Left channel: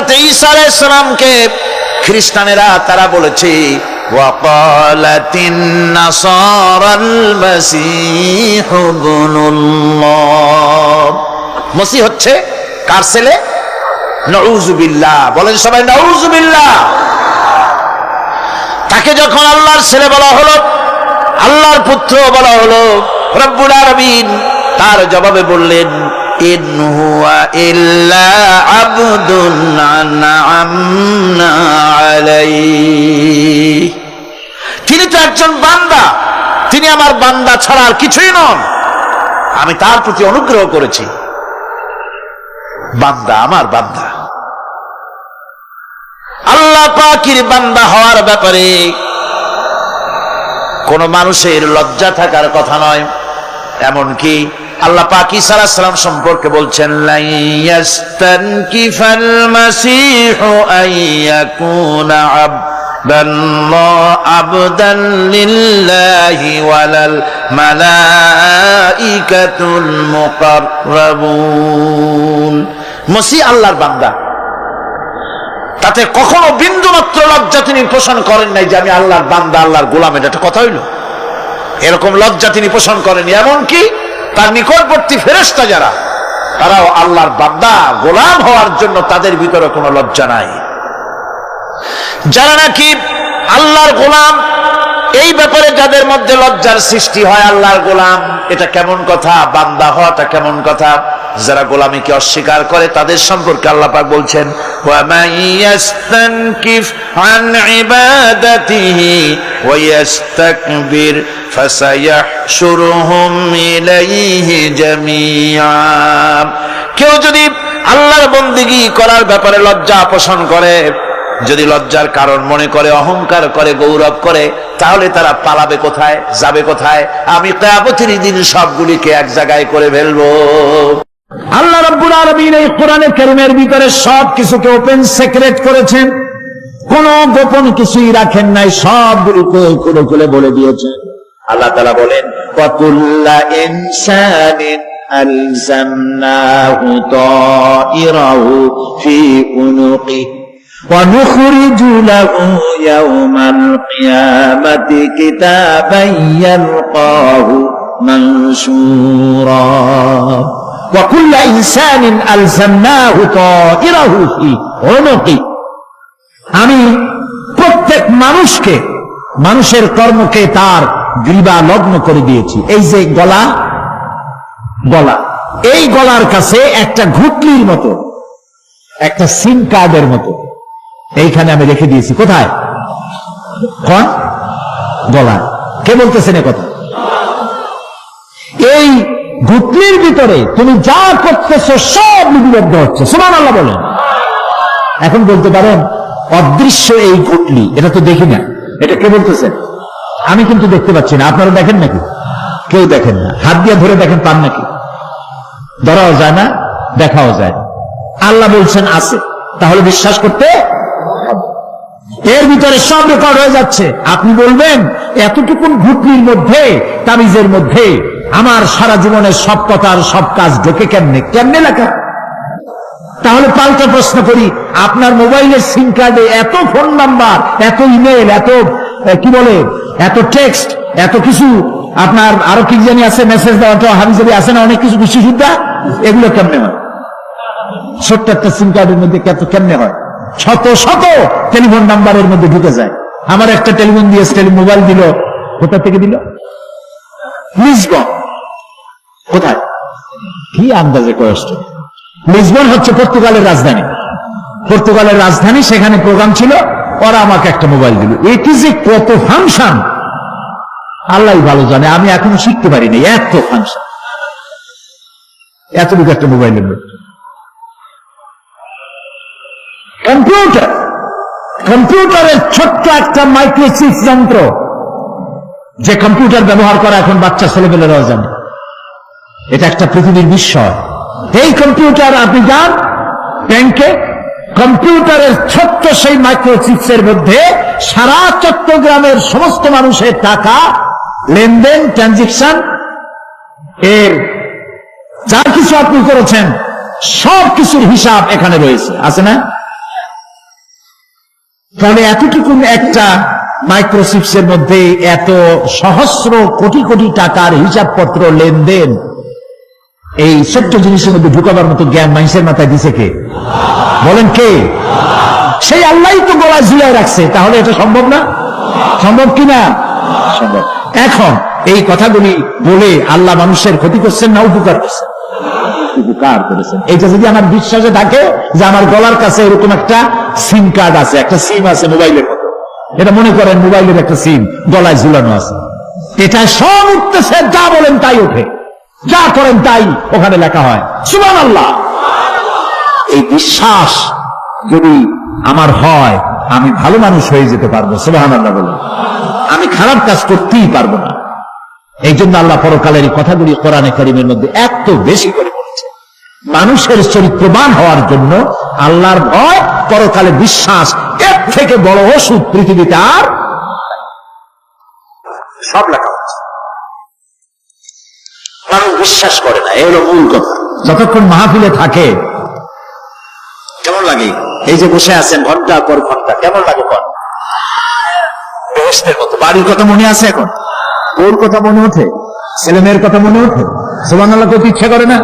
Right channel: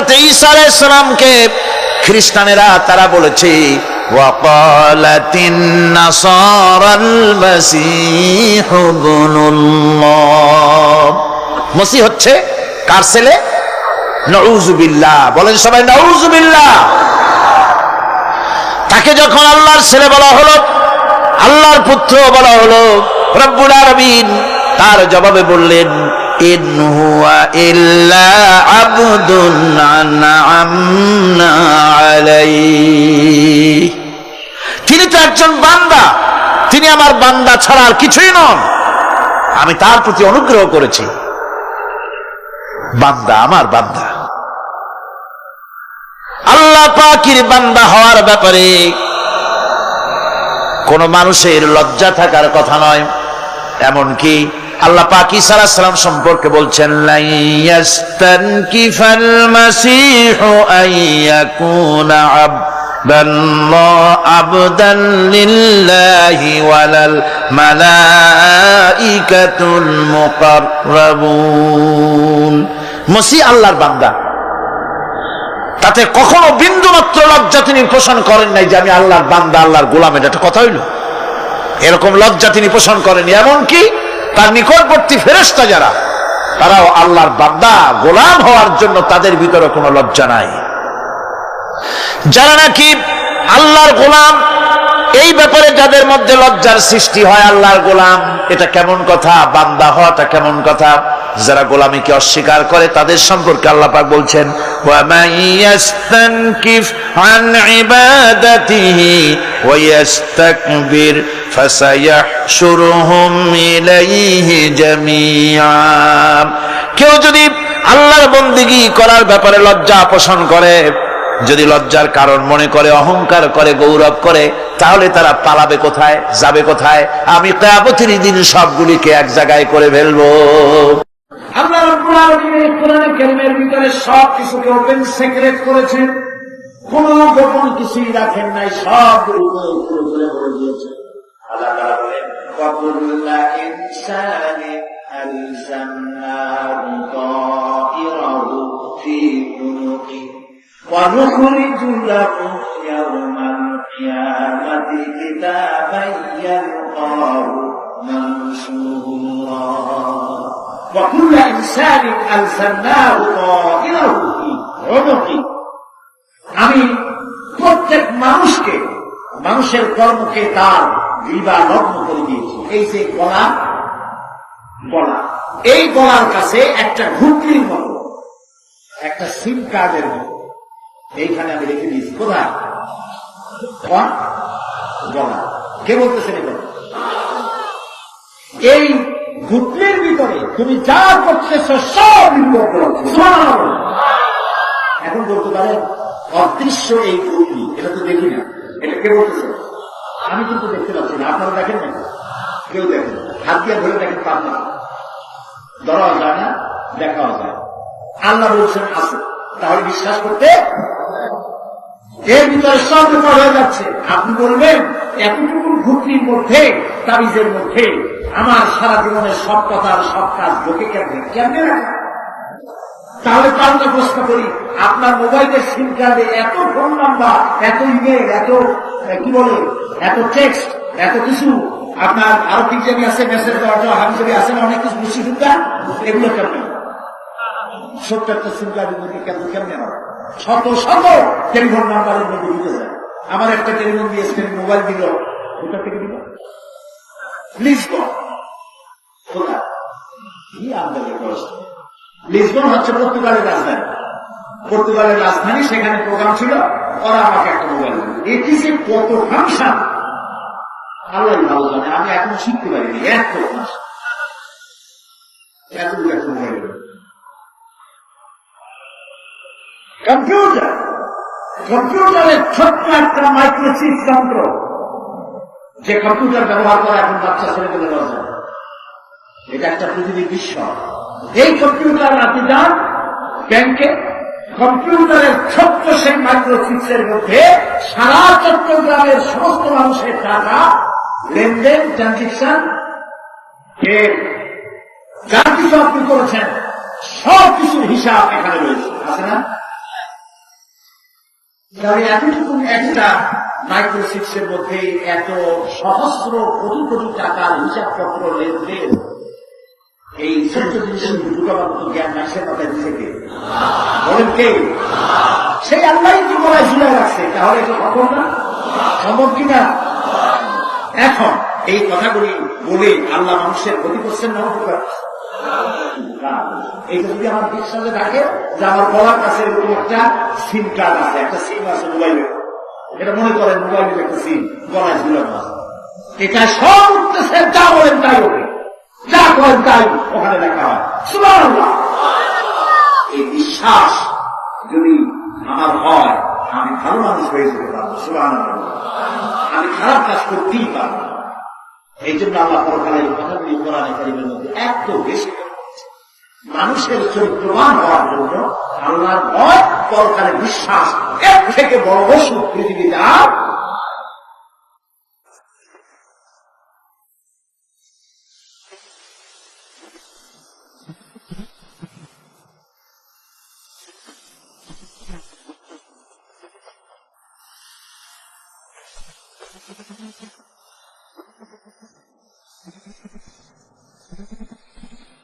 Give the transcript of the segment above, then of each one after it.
হযরত ঈসা আলাইহিস সালামকে খ্রিস্টানেরা তারা বলেছে ওয়াকালাতিন নাসারাল মাসীহ ইবনুল্লাহ, মসিহ হচ্ছে কার ছেলে? নাউযুবিল্লাহ, বলেন সবাই নাউযুবিল্লাহ। তাকে যখন আল্লাহর ছেলে বলা হলো, আল্লাহর পুত্র বলা হলো, রব্বুল আলামিন তার জবাবে বললেন ইন হুয়া ইল্লা আবদুন আনআমনা আলাইহি, তিনি তো একজন বান্দা, তিনি আমার বান্দা ছাড়া আর কিছুই নন, আমি তার প্রতি অনুগ্রহ করেছি। বান্দা, আমার বান্দা। আল্লাহ পাকের বান্দা হওয়ার ব্যাপারে কোন মানুষের লজ্জা থাকার কথা নয়। এমনকি আল্লাহ পাক ঈসা আলাইহিস সালাম সম্পর্কে বলছেন লা ইয়াস্তানকিফাল মাসীহু আইয়াকুনা আবদান লিল্লাহি ওয়ালাল মালাইকাতুল মুকাররাবুন। মসিহ আল্লাহর বান্দা, তাতে কখনো বিন্দু মাত্র লজ্জা তিনি পোষণ করেন নাই যে আমি আল্লাহর বান্দা, আল্লাহর গোলাম। এটা একটা কথা হইল? এরকম লজ্জা তিনি পোষণ করেনি। এমনকি তার নিকটবর্তী ফেরেশতা যারা, তারাও আল্লাহর বান্দা গোলাম হওয়ার জন্য তাদের ভিতরে কোনো লজ্জা নাই। যারা নাকি আল্লাহর গোলাম, এই ব্যাপারে যাদের মধ্যে লজ্জার সৃষ্টি হয়, আল্লাহর গোলাম এটা কেমন কথা, বান্দা হওয়াটা কেমন কথা, যারা গোলামীকে অস্বীকার করে তাদের সম্পর্কে আল্লাহ পাক বলছেন ওয়া মাইয়াস্তানকিফ আন ইবাদাতিহি ওয়া ইস্তাকবির ফাসায়াহশুরুহুম ইলাইহি জামিআ। কেউ যদি আল্লাহর বন্দেগী করার ব্যাপারে লজ্জা পোষণ করে, যদি লজ্জার কারণ মনে করে, অহংকার করে, গৌরব করে, তাহলে তারা পালাবে কোথায়, যাবে কোথায়? আমি কিয়ামতের দিন সবগুলিকে এক জায়গায় করে ফেলবো। আল্লাহ রাব্বুল আলামিন এই কোরআনে কারীমের ভিতরে সবকিছুকে ওপেন সিক্রেট করেছেন, কোনো গোপন কিছুই রাখেন নাই, সবগুলোকে খুলে খুলে বলে দিয়েছেন। আল্লাহ তাআলা বলেন ওয়া কুল্লা ইনসানিন আলজামনাহু তাইরাহু ফি উনুকি ওয়া নুখরিজু লাহু ইয়াওমাল কিয়ামাতি কিতাবান ইয়ালকাহু মানশুরা ওয়া কুল্লা ইনসানিন আলজামনাহু তাইরাহু ফি উনুকি। আমি প্রত্যেক মানুষকে, মানুষের কর্মকে তার গ্রীবা লগ্ন করে দিয়েছি। এই যে গলা, গলা, এই গলার কাছে একটা ঘুটলির মতো, একটা সিম কার্ডের মতো এইখানে আমি রেখে দিয়েছি। কোথায়? কোন গলা? কে বলতেছেন এ কথা? এই ঘুটলির ভিতরে তুমি যা করতেছো সব লিপিবদ্ধ হচ্ছে। সুবহানাল্লাহ বলেন। এখন বলতে পারেন অদৃশ্য এই ঘুটলি, এটা তো দেখি না, এটা কে বলতেছেন? আমি কিন্তু দেখতে পাচ্ছি না। আপনারা দেখেন নাকি? কেউ দেখেন না। হাত দিয়ে ধরে দেখেন, পান নাকি? ধরাও যায় না, দেখাও যায় না। আল্লাহ বলছেন আছে, তাহলে বিশ্বাস করতে, এর ভিতরে সব রেকর্ড হয়ে যাচ্ছে। আপনি বলবেন এতটুকু ঘুটলির মধ্যে, তাবিজের মধ্যে আমার সারা জীবনের সব কথার সব কাজ ঢোকে কেমনে? কেমনে লেখা? তাহলে পাল্টা প্রশ্ন করি, আপনার মোবাইলের সিম কার্ডে এত ফোন নাম্বার, এত ইমেল, এত কি বলে, এত টেক্সট, এত কিছু, আপনার আরো কি জানি আছে, মেসেজ দেওয়া হাবিজাবি আছে না, অনেক কিছু খুশি সুদ্ধা, এগুলো কেমনে হয়? ছোট্ট একটা সিম কার্ডের মধ্যে কেমনে হয়? শত শত টেলিফোন নাম্বারের মধ্যে ঢুকে যায়। আমার একটা টেলিফোন দিয়ে মোবাইল দিল, কোথা থেকে দিল? লিসবন। কোথায়? কি আন্দাজে কষ্ট। লিসবন হচ্ছে পর্তুগালের রাজধানী। পর্তুগালের রাজধানী, সেখানে প্রোগ্রাম ছিল, ওরা আমাকে একটা মোবাইল দিল। এটি যে কত ফাংশন আল্লাহ ভালো জানে, আমি এখনো শিখতে পারিনি। এত ফাংশন, এতটুকু একটা মোবাইলের মধ্যে। কম্পিউটার, কম্পিউটারের ছোট্ট একটা মাইক্রোচিপ যন্ত্র, যে কম্পিউটার ব্যবহার করা এখন বাচ্চা ছেলেপেলেরাও জানে। এটা একটা পৃথিবীর বিস্ময়। এই কম্পিউটার আপনি যান ব্যাংকে, কম্পিউটারের ছোট্ট সেই মাইক্রোচিপসের মধ্যে সারা চট্টগ্রামের সমস্ত মানুষের টাকা লেনদেন, ট্রানজেকশন, এর যা কিছু আপনি করেছেন সব কিছুর হিসাব এখানে রয়েছে, আছে না? ফলে এতটুকু একটা মাইক্রোচিপসের মধ্যে এত সহস্র কোটি কোটি টাকার হিসাবপত্র লেনদেন, এই ছোট্ট জিনিসের মধ্যে ঢুকাবার মতো জ্ঞান মানুষের মাথায় দিছে কে? বলেন কে? সেই আল্লাহই তো গলায় ঝুলিয়ে রাখছে। তাহলে এটা সম্ভব না? সম্ভব কিনা? সম্ভব। এখন এই কথাগুলি বলে আল্লাহ মানুষের ক্ষতি করছেন না উপকার করছেন? উপকার করেছেন। এটা যদি আমার বিশ্বাসে থাকে যে আমার গলার কাছে এরকম একটা সিম কার্ড আছে, একটা সিম আছে মোবাইলের মতো, এটা মনে করেন মোবাইলের একটা সিম গলায় ঝুলানো আছে, এটা সব উঠতেছে, যা বলেন তাই ওঠে, যা করেন তাই ওখানে লেখা হয়। সুবহানাল্লাহ। এই বিশ্বাস যদি আমার হয়, আমি ভালো মানুষ হয়ে যেতে পারবো। সুবহানাল্লাহ বলুন। আমি খারাপ কাজ করতেই পারবো না। এই জন্য আল্লাহ পরকালের এই কথাগুলি কোরআনে কারীমের মধ্যে এত বেশি করে বলেছে। মানুষের চরিত্রবান হওয়ার জন্য আল্লাহর ভয়, পরকালে বিশ্বাস, এর থেকে বড় ওষুধ পৃথিবীতে আর সব লেখা হচ্ছে। মানুষ বিশ্বাস করে না, এর মূল কথা। যতক্ষণ মাহফিলে থাকে কেমন লাগে? এই যে বসে আছেন ঘন্টার পর ঘন্টা, কেমন লাগে? পর বেহেশতের মতো। বাড়ির কথা মনে আছে এখন? ওর কথা মনে ওঠে? ছেলে মেয়ের কথা মনে ওঠে? সুবহানাল্লাহ করতে ইচ্ছা করে না?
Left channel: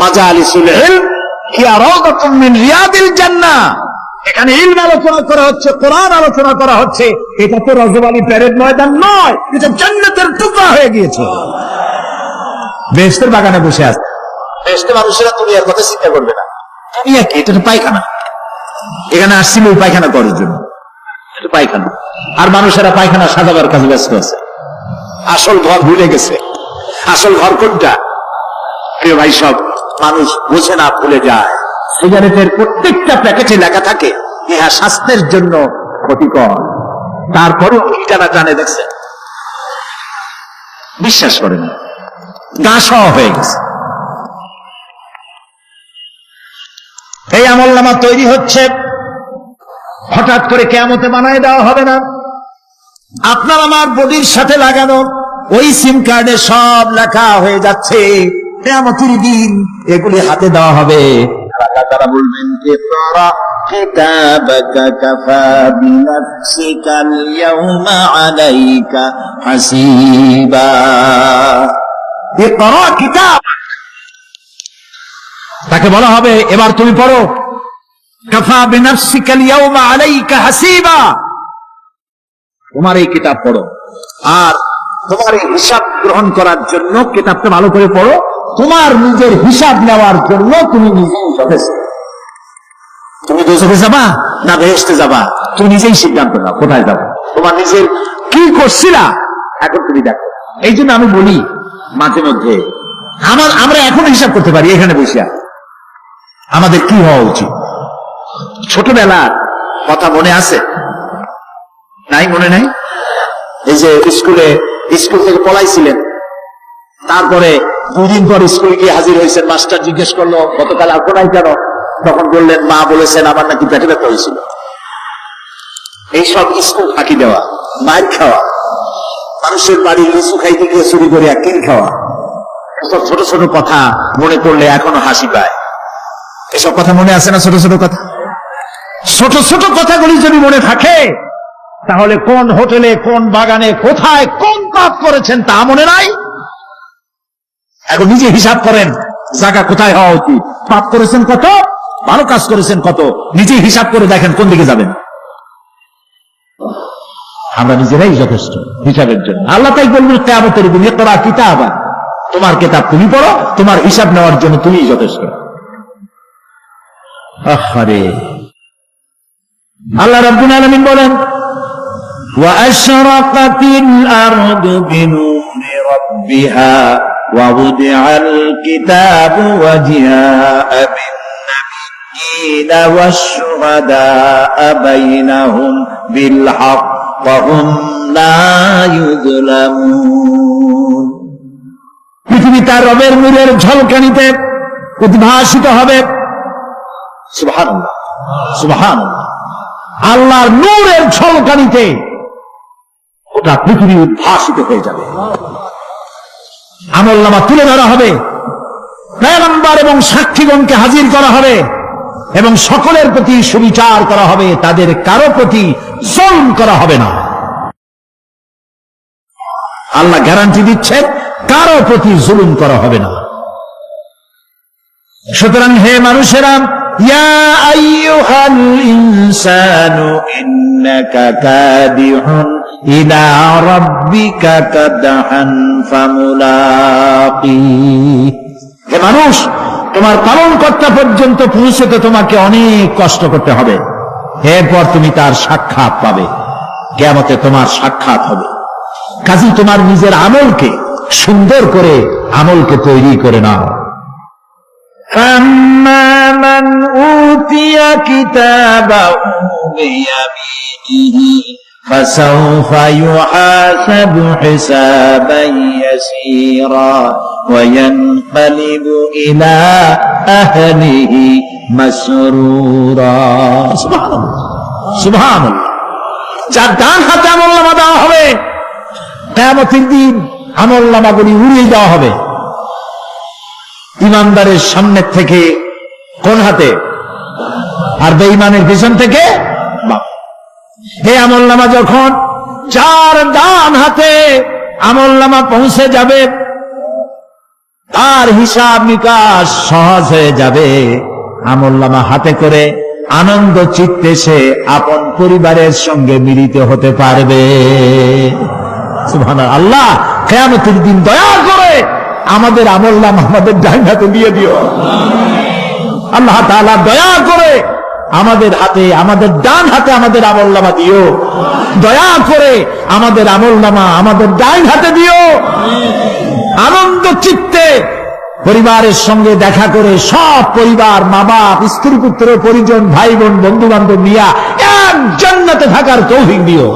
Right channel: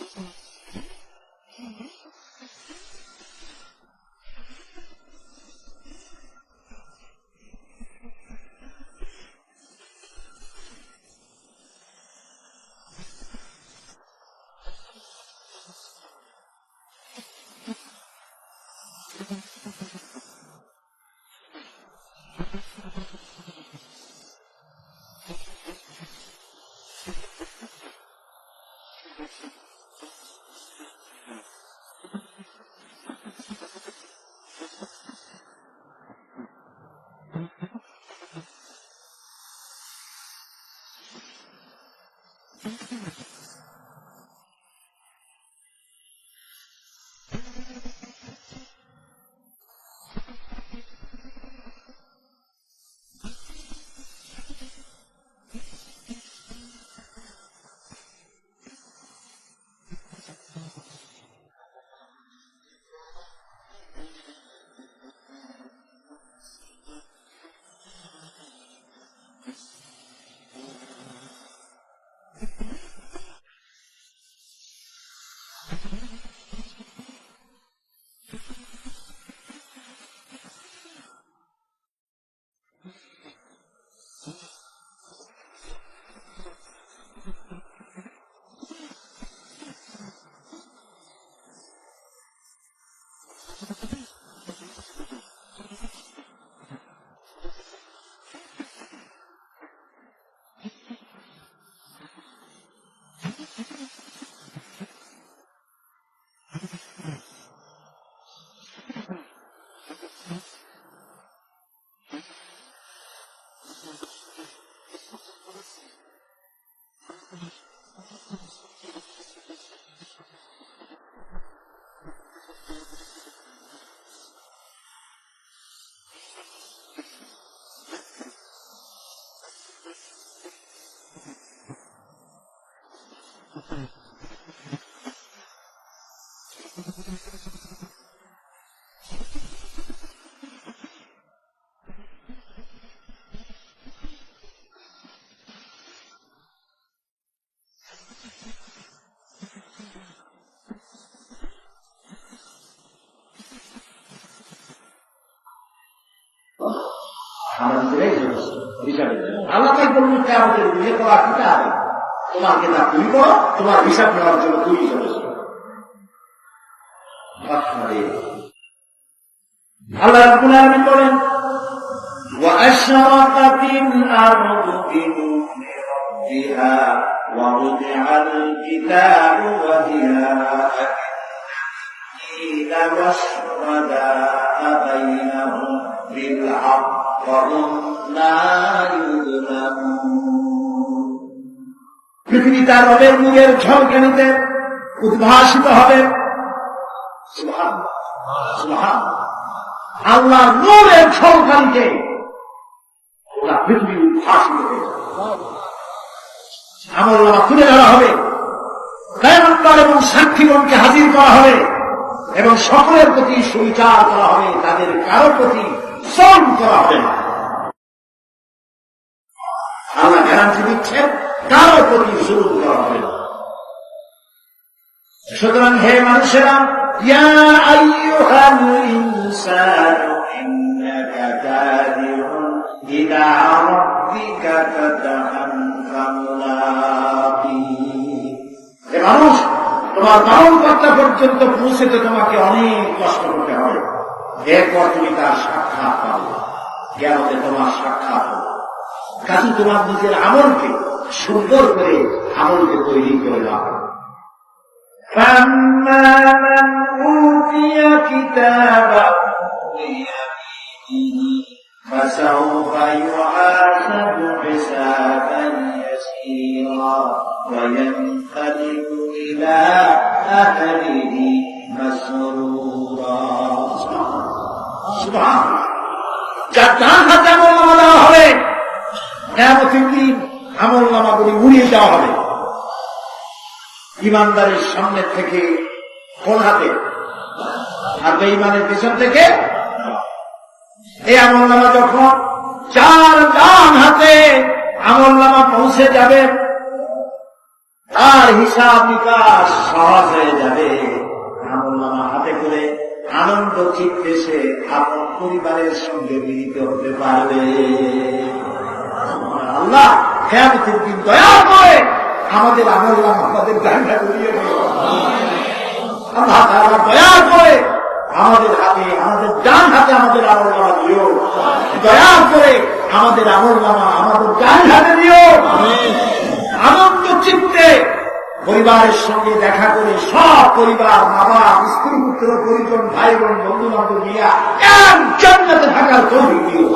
মাজালিসুল ইলম হিয়া রাওদাতুম মিন রিয়াদিল জান্নাহ। এখানে ইলম আলোচনা করা হচ্ছে, কোরআন আলোচনা করা হচ্ছে। এটা তো রজবালি প্যারেড ময়দান নয়, এটা জান্নাতের টুকরা হয়ে গিয়েছে। বেহেশতের বাগানে বসে আছে। বেহেশতে মানুষেরা দুনিয়ার কথা চিন্তা করবে না। দুনিয়া কি? এটা তো পায়খানা। এখানে আসছিল ওই পায়খানা করার জন্য, এটা পায়খানা। আর মানুষেরা পায়খানা সাজাবার কাজে ব্যস্ত আছে, আসল ঘর ভুলে গেছে। আসল ঘর কোনটা? প্রিয় ভাই, সব মানুষ বোঝে না, ভুলে যায়। সিগারেটের প্রত্যেকটা প্যাকেটে লেখা থাকে ইহা স্বাস্থ্যের জন্য ক্ষতিকর, তারপরেও ইটানা জানে, দেখছে, বিশ্বাস করে না, গা সহ হয়ে গেছে। এই আমলনামা তৈরি হচ্ছে, হঠাৎ করে কিয়ামতে বানায় দেওয়া হবে না। আপনার আমার বডির সাথে লাগানো ওই সিম কার্ডে সব লেখা হয়ে যাচ্ছে। কিয়ামতের দিন এগুলি হাতে দেওয়া হবে। তারা বলবেন, ইকরা কিতাবাকা কাফা বিনাফসিকাল ইয়াউমা আলাইকা হাসিবা। ইকরা কিতাব, তাকে বলা হবে এবার তুমি পড়ো। কাফা বিনাফসিকাল ইয়াউমা আলাইকা হাসিবা, তোমার এই কিতাব পড়ো। আর তোমার এই হিসাব গ্রহণ করার জন্য কিতাবটা ভালো করে পড়ো। তোমার নিজের হিসাব নেওয়ার জন্য তুমি নিজেই যথেষ্ট। তুমি দোজখে যাবা না বেহেশতে যাবা, তুমি নিজেই সিদ্ধান্ত নাও কোথায় যাবো। তোমার নিজের কি করছিলা এখন তুমি দেখো। এই জন্য আমি বলি মাঝে মধ্যে আমরা এখন হিসাব করতে পারি এখানে বসিয়া আমাদের কি হওয়া উচিত। ছোটবেলার কথা মনে আছে? নাই? মনে নাই? এই যে স্কুল থেকে পলাইছিলেন, তারপরে 2 দিন পর স্কুলে গিয়ে হাজির হয়েছেন। মাস্টার জিজ্ঞেস করলো গতকাল আর পড়াই কেন? তখন বললেন মা বলেছেন আমার নাকি পেটে ব্যথা হয়েছিল। এইসব স্কুল ফাঁকি দেওয়া, মার খাওয়া, মানুষের বাড়ি লিচু খাইতে গিয়ে চুরি করে কিল খাওয়া, এসব ছোট ছোট কথা মনে করলে এখনো হাসি পায়। এসব কথা মনে আছে না? ছোট ছোট কথা, ছোট ছোট কথাগুলি যদি মনে থাকে তাহলে কোন হোটেলে, কোন বাগানে, কোথায় কোন পাপ করেছেন তা মনে নাই? এখন নিজে হিসাব করেন জায়গা কোথায় হওয়া উচিত। পাপ করেছেন কত, ভালো কাজ করেছেন কত, নিজে হিসাব করে দেখেন কোন দিকে যাবেন। আমরা নিজেরাই যথেষ্ট হিসাবের জন্য। আল্লাহ তাই বলবেন কিয়ামতের দিন, ইকরা কিতাবা, তোমার কিতাব তুমি পড়ো, তোমার হিসাব নেওয়ার জন্য তুমিই যথেষ্ট। আহারে, আল্লাহ রাব্বুল আলামিন বলেন, وَأَشْرَقَتِ الْأَرْضُ بِنُورِ رَبِّهَا وَوُضِعَ الْكِتَابُ وَجِاءَ بِالنَّبِيِّينَ وَالشُّهَدَاءَ بَيْنَهُمْ بِالْحَقِّ وَهُمْ لَا يُظْلَمُونَ। পৃথিবী তার রবের নূরের ঝলকানিতে উদ্ভাসিত হবে। সুবহানাল্লাহ, সুবহানাল্লাহ। আল্লাহর নূরের ঝলকানিতে ওটা পৃথিবী উদ্ভাসিত হয়ে যাবে। আমলনামা তুলে ধরা হবে, পয়গম্বর এবং সাক্ষীগণকে হাজির করা হবে। এবং সকলের প্রতি সুবিচার করা হবে, তাদের কারো প্রতি জুলুম করা হবে না। আল্লাহ গ্যারান্টি দিচ্ছেন কারো প্রতি জুলুম করা হবে না। সুতরাং হে মানুষেরা, ইয়া আইয়ুহাল ইনসানু ইন্নাকা কাদিহুন ইলা রাব্বিকা কাদহান ফামুলাকি। হে মানুষ, তোমার পালনকর্তা পর্যন্ত পৌঁছতে তোমাকে অনেক কষ্ট করতে হবে, এরপর তুমি তার সাক্ষাৎ পাবে, কিয়ামতে তোমার সাক্ষাৎ হবে। কাজী তোমার নিজের আমলকে সুন্দর করে আমলকে তৈরি করে নাও। فَأَمَّا مَنْ أُوتِيَ كِتَابَهُ بِيَمِينِهِ فَسَوْفَ يُحَاسَبُ حِسَابًا يَسِيرًا وَيَنْقَلِبُ إِلَى أَهْلِهِ مَسْرُورًا। সুবহানাল্লাহ। যার ডান হাতে আমলনামা দেওয়া হবে, কিয়ামতের দিন আমলনামাগুলি উড়িয়ে দেওয়া হবে। ইমানদারের সামনের থেকে কোন হাতে, আর বেঈমানের পিছন থেকে বাম। এই আমলনামা যখন যার ডান হাতে আমলনামা পৌঁছে যাবে, আর হিসাব নিকাশ সহজ হয়ে যাবে। আমলনামা হাতে করে আনন্দ চিত্তে সে আপন পরিবারের সঙ্গে মিলিত হতে পারবে। সুবহানাল্লাহ। আল্লাহ কিয়ামতের দিন দয়া করে আমাদের আমলনামা আমাদের ডান হাতে দিয়ে দিও। আল্লাহ তাআলা দয়া করে আমাদের হাতে, আমাদের ডান হাতে আমাদের আমলনামা দিও। দয়া করে আমাদের আমলনামা আমাদের ডান হাতে দিও। আনন্দ চিত্তে পরিবারের সঙ্গে দেখা করে সব পরিবার, মা বাপ, স্ত্রী পুত্র পরিজন, ভাই বোন, বন্ধু বান্ধব নিয়ে এক জান্নাতে থাকার তৌফিক দিও।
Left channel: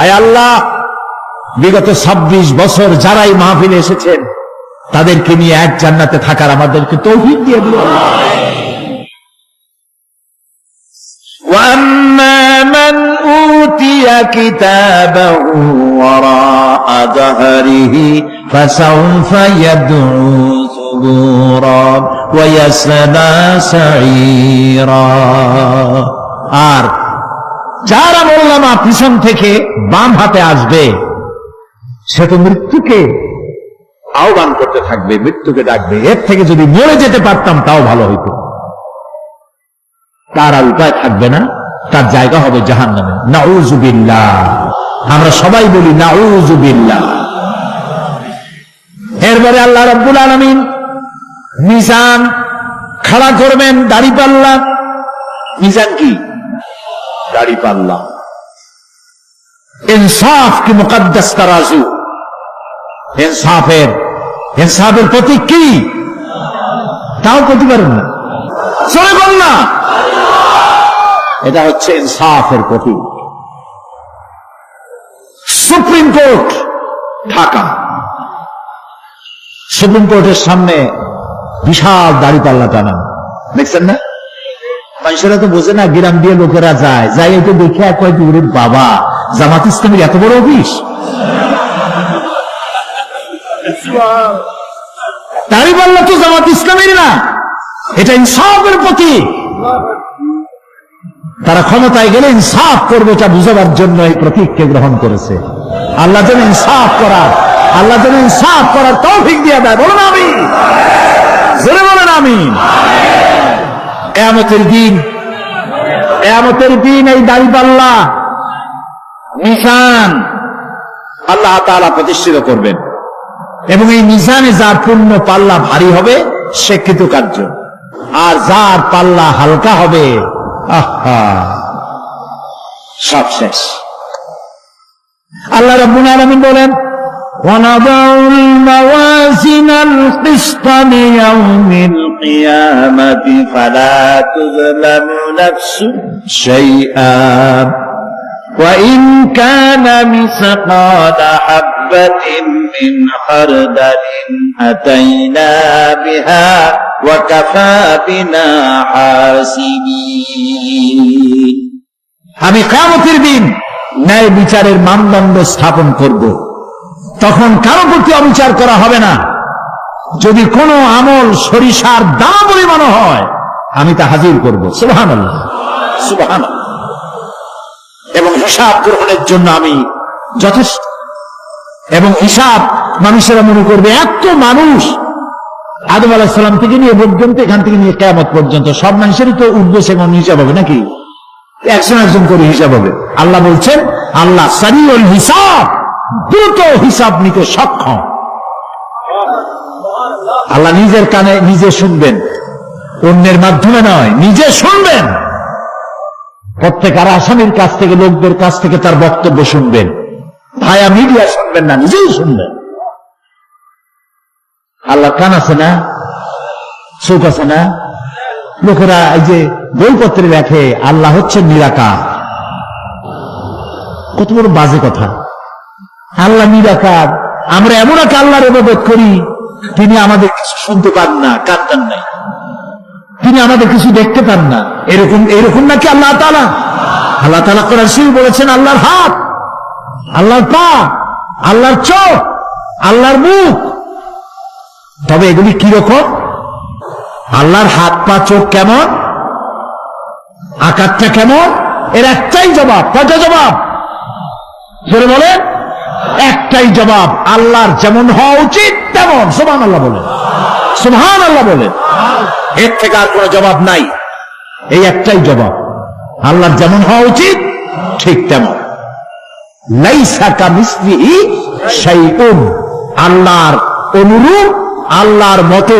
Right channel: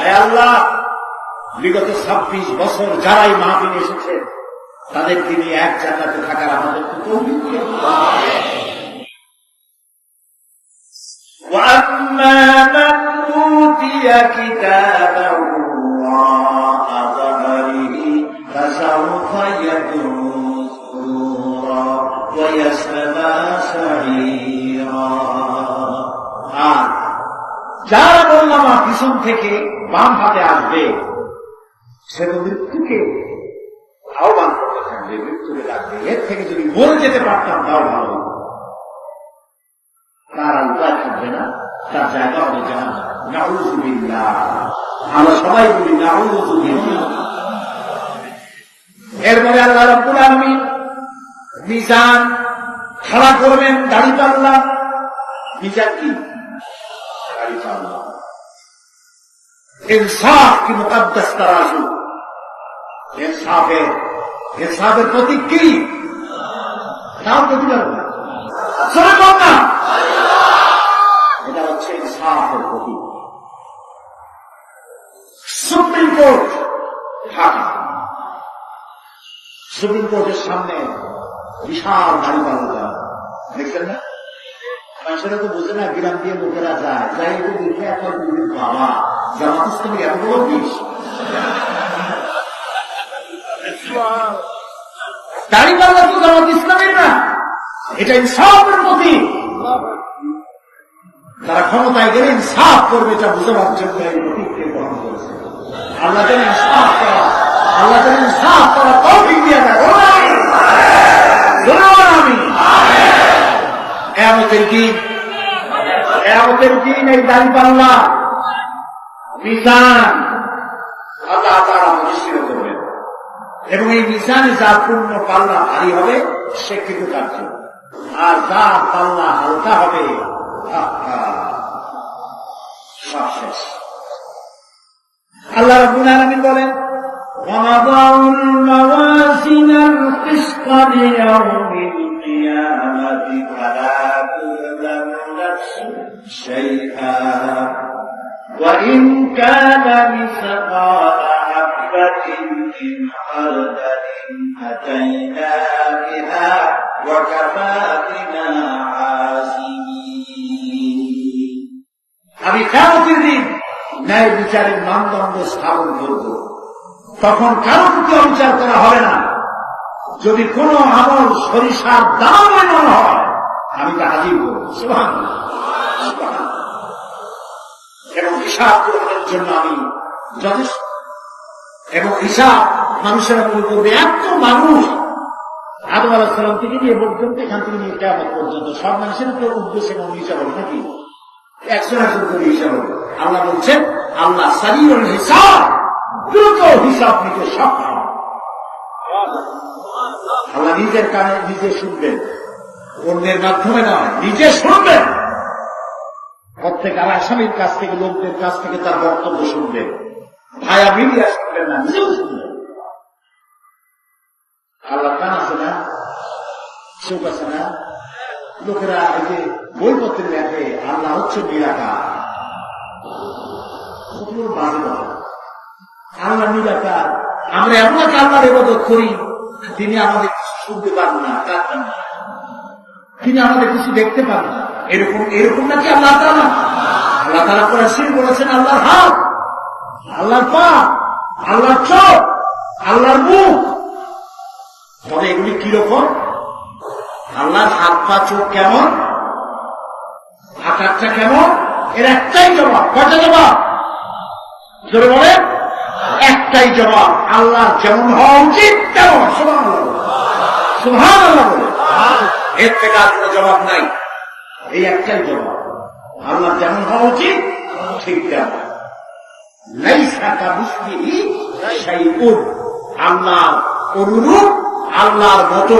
আয় আল্লাহ, বিগত 26 বছর যারাই মাহফিলে এসেছেন তাদেরকে নিয়ে এক জান্নাতে থাকার আমাদেরকে তৌফিক দিয়ে দিও। وَأَمَّا مَنْ أُوتِيَ كِتَابَهُ وَرَاءَ ظَهْرِهِ فَسَوْفَ يَدْعُو ثُبُورًا وَيَصْلَى سَعِيرًا। আর যার আমলনামা পিছন থেকে বাম হাতে আসবে, সে তো মৃত্যুকে আহ্বান করতে থাকবে, মৃত্যুকে ডাকবে। এর থেকে যদি মরে যেতে পারতাম তাও ভালো হইত। তার আর উপায় থাকবে না, তার জায়গা হবে জাহান্নামে। নাউযুবিল্লাহ। আমরা সবাই বলি নাউযুবিল্লাহ। এরপরে আল্লাহ রাব্বুল আলামিন মিজান খাড়া করবেন, দাড়িপাল্লা। মিজান কি? দাড়িপাল্লা। ইনসাফ কি মুকদ্দাস তারাজু। ইনসাফের প্রতীক কি? তাও বলতে পারেন না, চলে বল না। এটা হচ্ছে ইনসাফের প্রতীক। সুপ্রিম কোর্ট ঢাকা, সুপ্রিম কোর্টের সামনে বিশাল দাড়িপাল্লা টানা, দেখছেন না? মানুষেরা তো বোঝে না, গ্রাম দিয়ে লোকেরা যায়, যাই একটু দেখে এক কয়েক বাবা, জামাত ইসলামের এত বড় অফিস। দাড়িপাল্লা তো জামাত ইসলামের না, এটা ইনসাফের প্রতীক। তারা ক্ষমতায় গেলে ইনসাফ করবে, এটা বুঝাবার জন্য এই প্রতীককে গ্রহণ করেছে। আল্লাহ যেন ইনসাফ করার তৌফিক দিয়ে দেয়। বলুন আমিন, জোরে বলেন আমিন। কিয়ামতের দিন এই দাড়িপাল্লা মিজান আল্লাহ তাআলা প্রতিষ্ঠিত করবেন, এবং এই মিজানে যার পুণ্য পাল্লা ভারী হবে সে কৃতকার্য, আর যার পাল্লা হালকা হবে আহা সব শেষ। আল্লাহ রাব্বুল আলামিন বলেন, وَنَضَعُ الْمَوَازِينَ الْقِسْطَ لِيَوْمِ الْقِيَامَةِ فَلَا تُظْلَمُ نَفْسٌ شَيْئًا وَإِنْ كَانَ مِثْقَالَ حَبَّةٍ مِّنْ خَرْدَلٍ أَتَيْنَا بِهَا وَكَفَى بِنَا حَاسِبِينَ। আমি কিয়ামতের দিন ন্যায় বিচারের মানদণ্ড স্থাপন করব, তখন কারো প্রতি অবিচার করা হবে না। যদি কোনো আমল সরিষার দানা পরিমাণ হয়, আমি তা হাজির করব। সুবহানাল্লাহ, সুবহানাল্লাহ। এবং হিসাব গ্রহণের জন্য আমি যথেষ্ট। এবং হিসাব মানুষেরা মনে করবে এত মানুষ, আদম আলাইহিস সালাম থেকে নিয়ে পর্যন্ত, এখান থেকে নিয়ে কিয়ামত পর্যন্ত সব মানুষেরই তো উঠবে সেমন হিসাব হবে নাকি? একজন একজন করে হিসাব হবে। আল্লাহ বলছেন, আল্লাহ সারিউল হিসাব, দ্রুত হিসাব নিতে সক্ষম। আল্লাহ নিজের কানে নিজে শুনবেন, অন্যের মাধ্যমে নয়, নিজে শুনবেন। প্রত্যেক আর আসামির কাছ থেকে, লোকদের কাছ থেকে তার বক্তব্য শুনবেন। ভায়া মিডিয়া শুনবেন না, নিজেই শুনবেন। আল্লাহ কান আছে না, চোখ আছে না? লোকেরা এই যে বইপত্রে লেখে আল্লাহ হচ্ছে নিরাকার, কত বড় বাজে কথা। আল্লাহ নিরাকার, আমরা এমন এক আল্লাহর ইবাদত করি, তিনি আমাদের কিছু শুনতে পান না, কান টান নাই, তিনি আমাদের কিছু দেখতে পান না। এরকম নাকি আল্লাহ তাআলা? আল্লাহ তাআলা কোরআন শরীফে বলেছেন আল্লাহর হাত, আল্লাহর পা, আল্লাহর চোখ, আল্লাহর মুখ। তবে এগুলি কিরকম? আল্লাহর হাত, পা, চোখ কেমন, আকারটা কেমন? এর একটাই জবাব। কয়টা জবাব? সেটা বলে একটাই জবাব, আল্লাহর যেমন হওয়া উচিত তেমন। সুবহানাল্লাহ বলে, সুবহানাল্লাহ বলে। এর থেকে আর কোনো জবাব নাই, এই একটাই জবাব, আল্লাহর যেমন হওয়া উচিত ঠিক তেমন। লাইসা কামিসলিহি শাইউন, আল্লাহর অনুরূপ, আল্লাহর মতো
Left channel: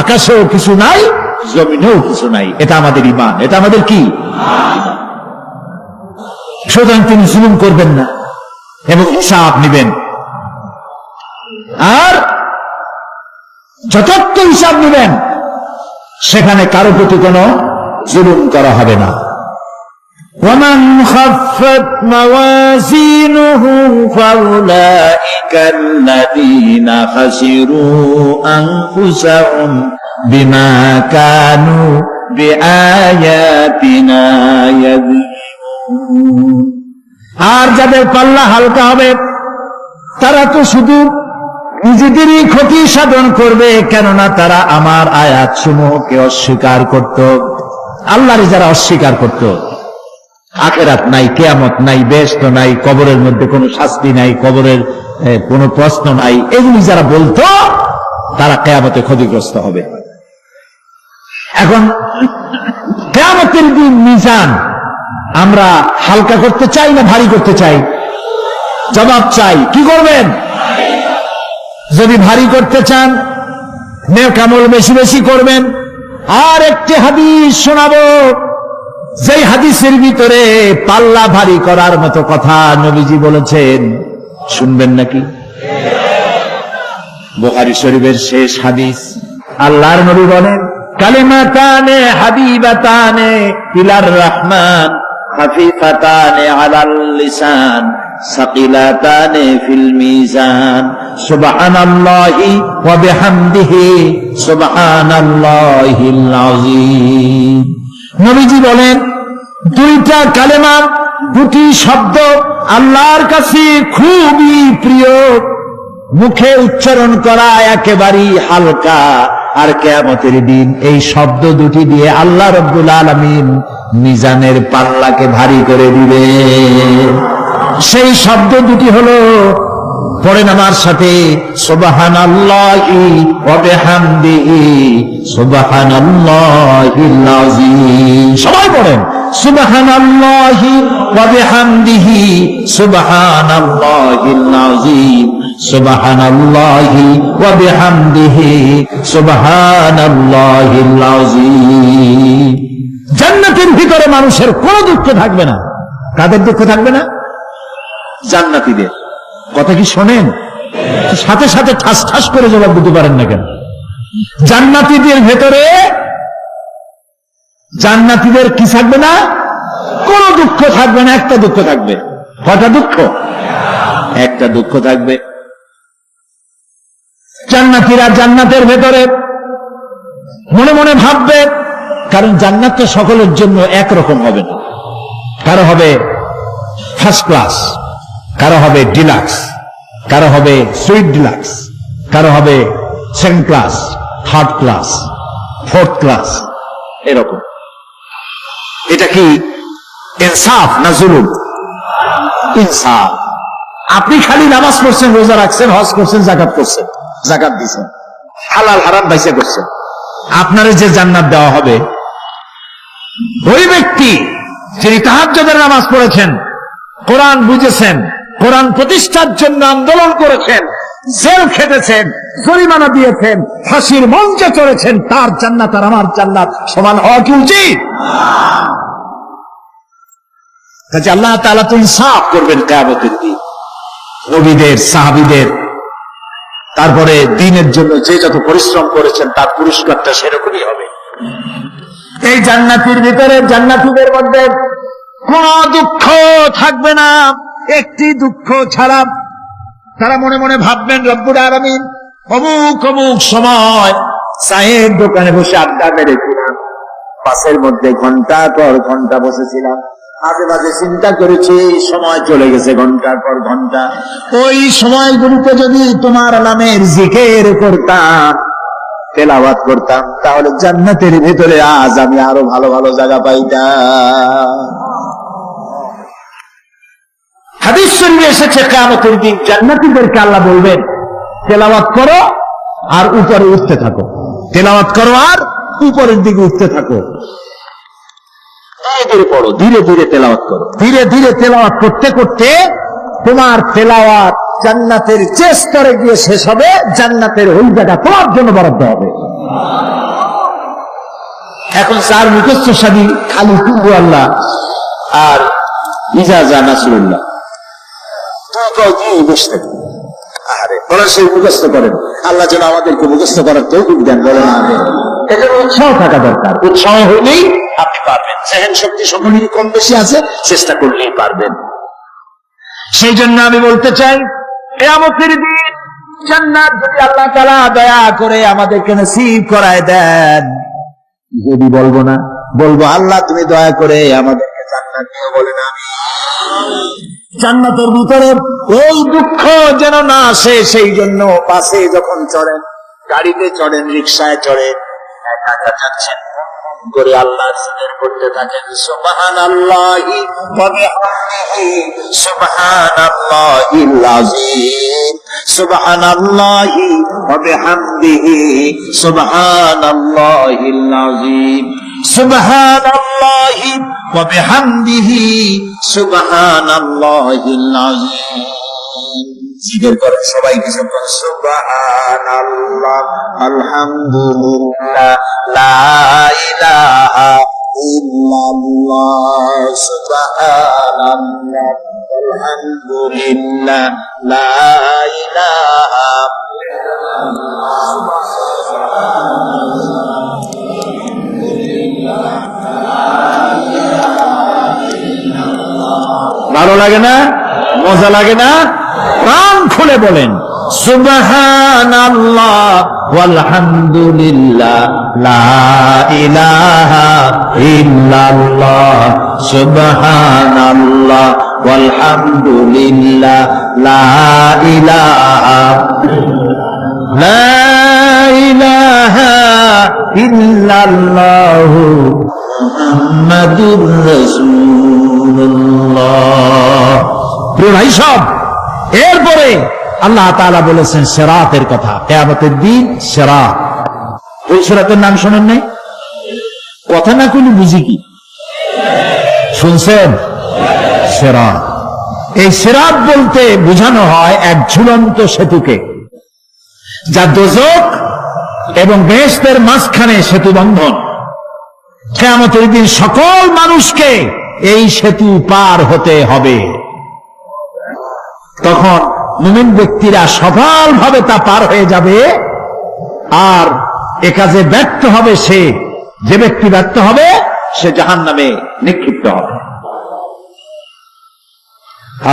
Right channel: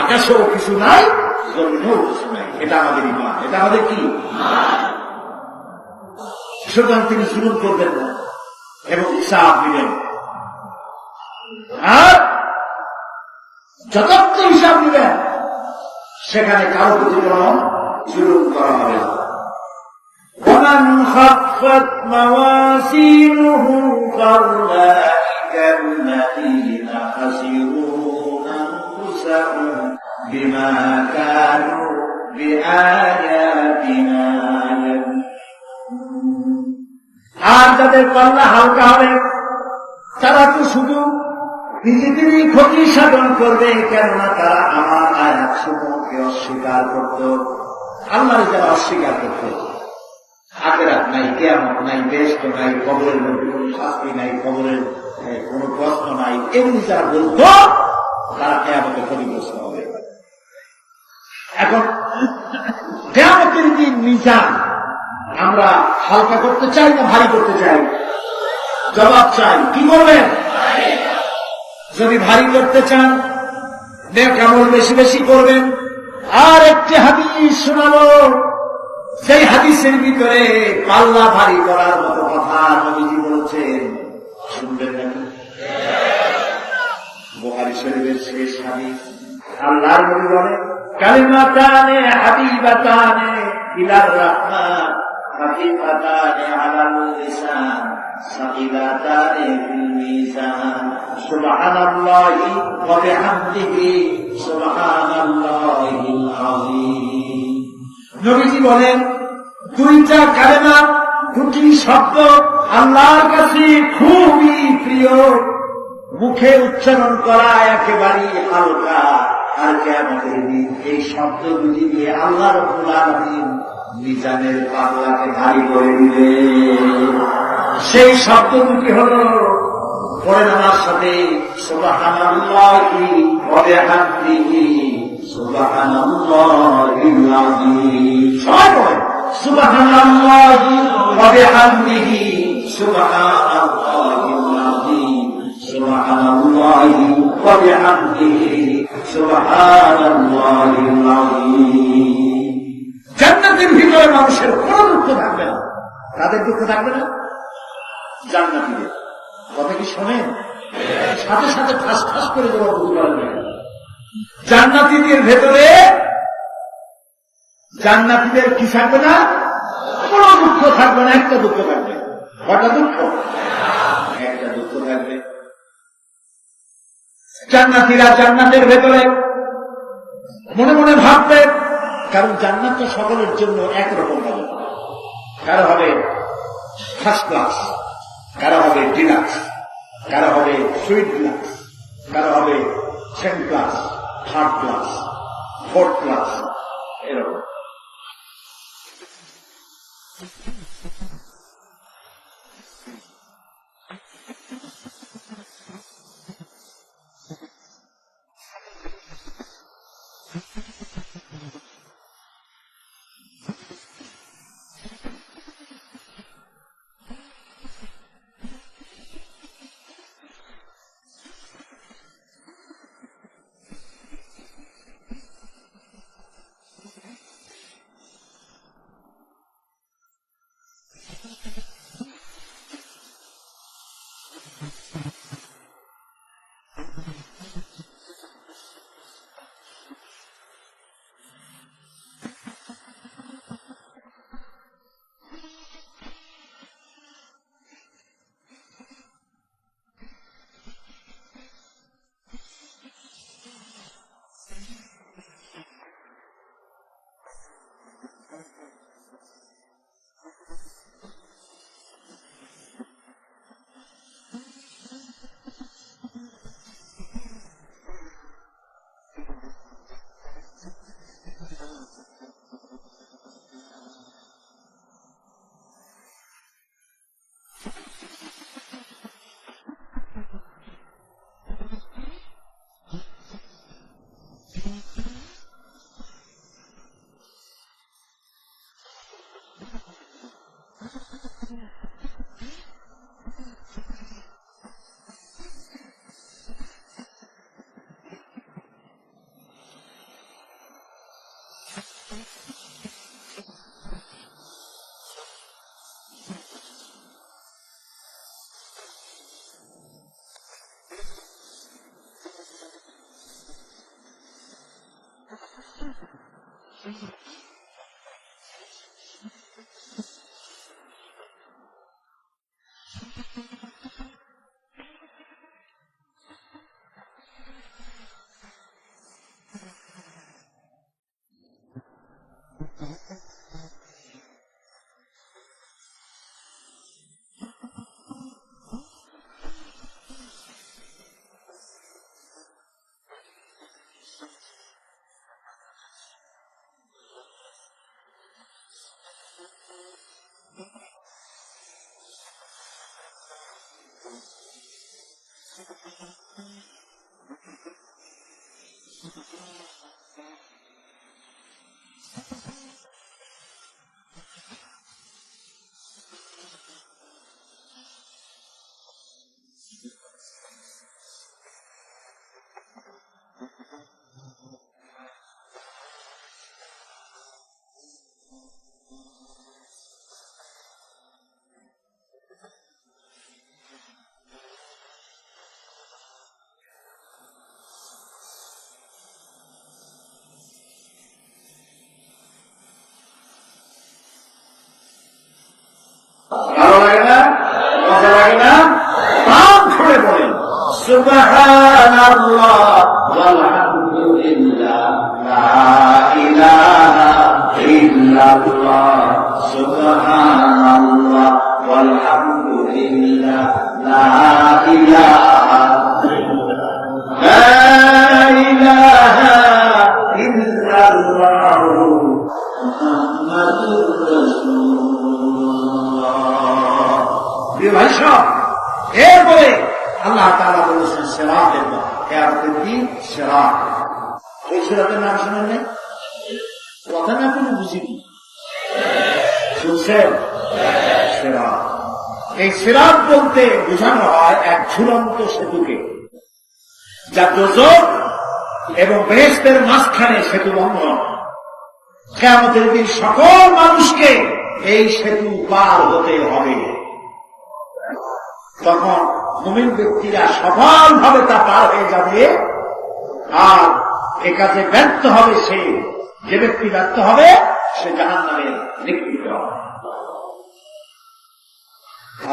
আকাশেও কিছু নাই, জমিনেও কিছু নাই। এটা আমাদের ঈমান, এটা আমাদের কি? সুতরাং তিনি জুলুম করবেন না এবং হিসাব নেবেন, আর যথার্থ হিসাব নেবেন। সেখানে কারো প্রতি কোনো জুলুম করা হবে না। ومن خفت موازينه فأولئك الذين خسروا أنفسهم بما كانوا بآياتنا يظلمون। আর যাদের পাল্লা হালকা হবে তারা তো শুধু নিজেদেরই ক্ষতি সাধন করবে, কেননা তারা আমার আয়াত সমূহকে অস্বীকার করত। আল্লাহরে যারা অস্বীকার করত, আখিরাত নাই, কিয়ামত নাই, বেহেশত নাই, কবরের মধ্যে কোনো শাস্তি নাই, কবরের কোনো প্রশ্ন নাই, এগুলি যারা বলতো তারা কিয়ামতে ক্ষতিগ্রস্ত হবে। এখন কিয়ামতের দিন মিজান আমরা হালকা করতে চাই না ভারী করতে চাই? জবাব চাই। কি করবেন? যদি ভারী করতে চান, নেক আমল বেশি বেশি করবেন। আর একটি হাদিস শোনাবো, যেই হাদিসের ভিতরে পাল্লা ভারী করার মতো কথা নবীজি বলেছেন। শুনবেন নাকি? বুখারী শরীফের শেষ হাদিস। আল্লাহর নবী বলেন, কালিমাতানে হাবিবাতানে ইলার রহমান খাফিফাতানে আলাল লিসান সাকিলাতানে ফিল মিজান সুবহানাল্লাহি ওয়া বিহামদিহি সুবহানাল্লাহিল আযীম। নবীজি বলেন, দুইটা কালেমা, দুটি শব্দ আল্লাহর কাছে খুবই প্রিয়, মুখে উচ্চারণ করা একেবারেই হালকা। আর কিয়ামতের দিন এই শব্দ দুটি দিয়ে আল্লাহ রাব্বুল আলামিন মিজানের পাল্লাকে ভারী করে দিবে। সেই শব্দ দুটি হলো, পড়েন আমার সাথে, সুবহানাল্লাহি ওয়া বিহামদিহি সুবহানাল্লাহিল আযীম। সবাই পড়েন, সুবহানাল্লাহি ওয়া বিহামদিহি সুবহানাল্লাহিল আযীম সুবহানাল্লাহি ওয়া বিহামদিহি সুবহানাল্লাহিল আযীম। জান্নাতের ভিতরে মানুষের কোনো দুঃখ থাকবে না। কাদের দুঃখ থাকবে না? জান্নাতীদের। কথা কি শোনেন? সাথে সাথে ঠাস ঠাস করে জবাব দিতে পারেন না কেন? জান্নাতীদের ভেতরে, জান্নাতীদের কি থাকবে না? কোনো দুঃখ থাকবে না। একটা দুঃখ থাকবে। কটা দুঃখ? একটা দুঃখ থাকবে। জান্নাতীরা জান্নাতের ভেতরে মনে মনে ভাববে, কারণ জান্নাত তো সকলের জন্য একরকম হবে না। কারো হবে ফার্স্ট ক্লাস, কারো হবে ডিলাক্স, কারো হবে সুইট ডিলাক্স, কারো হবে second class, third class, fourth class, এরকম। এটা কি ইনসাফ না জুলুম? ইনসাফ। আপনি খালি নামাজ পড়ছেন, রোজা রাখছেন, হজ করছেন, জাকাত করছেন, জাকাত দিচ্ছেন, হালাল হারাম বাইসে করছেন, আপনার যে জান্নাত দেওয়া হবে, ওই ব্যক্তি যিনি তাহাজ্জুদের নামাজ পড়েছেন, কোরআন বুঝেছেন, কোরআন প্রতিষ্ঠার জন্য আন্দোলন করেছেন, জেল খেটেছেন, জরিমানা দিয়েছেন, ফাঁসির মঞ্চে চড়েছেন, তার জান্নাত আর আমার জান্নাত সমান হওয়া কি উচিত? কাজে আল্লাহ তাআলা তো ইনসাফ করবেন কিয়ামতের দিন। নবীদের, সাহাবীদের, তারপরে দ্বীনের জন্য যে যত পরিশ্রম করেছেন তার পুরস্কারটা সেরকমই হবে। এই জান্নাতের ভিতরে, জান্নাতীদের মধ্যে কোন দুঃখ থাকবে না, একটি দুঃখ ছাড়া। তারা মনে মনে ভাববেন, রব্বুল আলামিন অমুক অমুক সময় চায়ের দোকানে বসে আড্ডা মেরেছিলাম, বাসের মধ্যে ঘন্টার পর ঘন্টা বসেছিলাম, মাঝে মাঝে চিন্তা করেছি সময় চলে গেছে ঘন্টার পর ঘন্টা, ওই সময়গুলিতে যদি তোমার নামের জিকির করতাম, তেলাওয়াত করতাম, তাহলে জান্নাতের ভিতরে আজ আমি আরো ভালো ভালো জায়গা পাইতাম। হাদিস শরীফে এসেছে কিয়ামতের দিন জান্নাতীদেরকে আল্লাহ বলবেন, তেলাওয়াত করো আর উপরে উঠতে থাকো, তেলাওয়াত করো আর উপরের দিকে উঠতে থাকো, ধীরে ধীরে পড়ো, ধীরে ধীরে তেলাওয়াত করো। ধীরে ধীরে তেলাওয়াত করতে করতে তোমার তেলাওয়াত জান্নাতের যে স্তরে গিয়ে শেষ হবে, জান্নাতের ওই জায়গা তোমার জন্য বরাদ্দ হবে। এখন চার মুখস্থ সাদী খালি কুহু আল্লাহ আর ইজাজা নাসরুল্লাহ, আরে ওরা সেই মুখস্থ করেন, আল্লাহ যেন আমাদেরকে মুখস্থ করার তৌফিক দেন, বলেন আমিন। এজন্য উৎসাহ থাকা দরকার, উৎসাহ হলেই আপনি পারবেন। সেহেন শক্তি সকলেরই কম বেশি আছে, চেষ্টা করলেই পারবেন। সেই জন্য আমি বলতে চাই, কিয়ামতের দিন জান্নাত যদি আল্লাহ তাআলা দয়া করে আমাদেরকে নসিব করায় দেন, যদি বলবো না, বলবো আল্লাহ তুমি দয়া করে আমাদেরকে জান্নাত দিও, বলেন আমিন। জান্নাতের ভিতরে এই দুঃখ যেন না আসে, সেই জন্য বাসে যখন চড়েন, গাড়িতে চড়েন, রিকশায় চড়েন, একা একা যাচ্ছেন করে আল্লাহর জিকির করতে থাকেন, সুবহানাল্লাহি ওয়া বিহামদিহি সুবহানাল্লাহিল আযীম, সুবহানাল্লাহি ওয়া বিহামদিহি সুবহানাল্লাহিল আযীম, সুবহানাল্লাহি ওয়া বিহামদিহি সুবহানাল্লাহিল আযীম। জিকির করে সবাই কিছু করে, সুবহানাল্লাহ, আলহামদুলিল্লাহ, লা ইলাহা ইল্লাল্লাহ, সুবহানাল্লাহ, আলহামদুলিল্লাহ, লা ইলাহা ভালো লাগে না? মজা লাগে না? প্রাণ খুলে বলেন সুবহানাল্লাহ ওয়ালহামদুলিল্লাহ, লা ইলাহা ইল্লাল্লাহ, সুবহানাল্লাহ ওয়ালহামদুলিল্লাহ, লা ইলাহা ইল্লাল্লাহ, মুহাম্মাদুর রাসূলুল্লাহ। প্রিয় ভাই সব, এরপরে আল্লাহ তাআলা বলেছেন সিরাতের কথা, কিয়ামতের দিন সিরাত। ওই সিরাতের নাম শোনেন নাই? কথা না কইলে বুঝি কি? শুনছেন? সিরাত। এই সিরাত বলতে বোঝানো হয় এক ঝুলন্ত সেতুকে, যা দোজখ এবং বেহেশতের মাঝখানে সেতু বন্ধন। কিয়ামতের দিন সকল মানুষকে এই সেতু পার হতে হবে। তখন মুমিন ব্যক্তিরা সফলভাবে তা পার হয়ে যাবে, আর এ কাজে ব্যর্থ হবে সে, যে ব্যক্তি ব্যর্থ হবে সে জাহান্নামে নিক্ষিপ্ত হবে।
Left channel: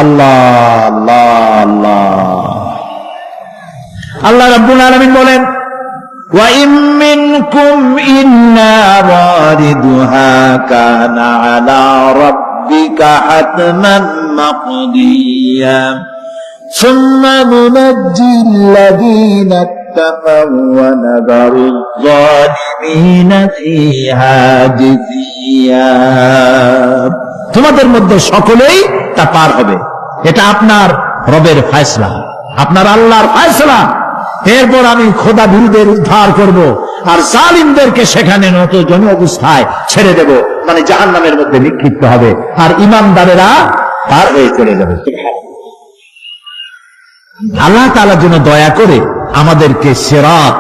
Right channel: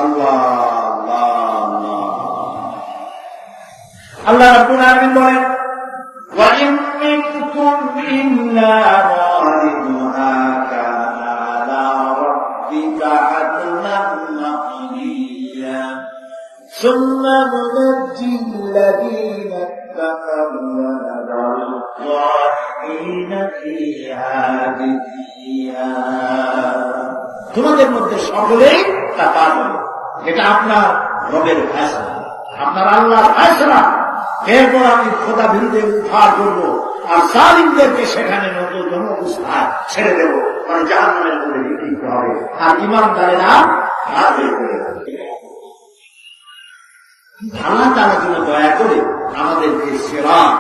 আল্লাহ আল্লাহ আল্লাহ। আল্লাহ রাব্বুল আলামিন বলেন, ওয়া ইম মিনকুম ইল্লা ওয়ারিদুহা কানা আলা রাব্বিকা হাতমান মাকদিয়া সুম্মা নুনাজ্জি আল্লাযীনা اتقوا ونذر الظالمين فيها جثيا। তোমাদের মধ্যে সকলেই তা পার হবে, এটা আপনার রবের ফয়সালা, আপনার আল্লাহর ফয়সালা। এরপর আমি খোদা ভীরুদের উদ্ধার করব আর জালিমদেরকে সেখানে নত জন অবস্থায় ছেড়ে দেব, মানে জাহান্নামের মধ্যে নিক্ষিপ্ত হবে, আর ঈমানদারেরা পার হয়ে চলে যাবে। আল্লাহ তাআলা যেন দয়া করে আমাদেরকে সিরাত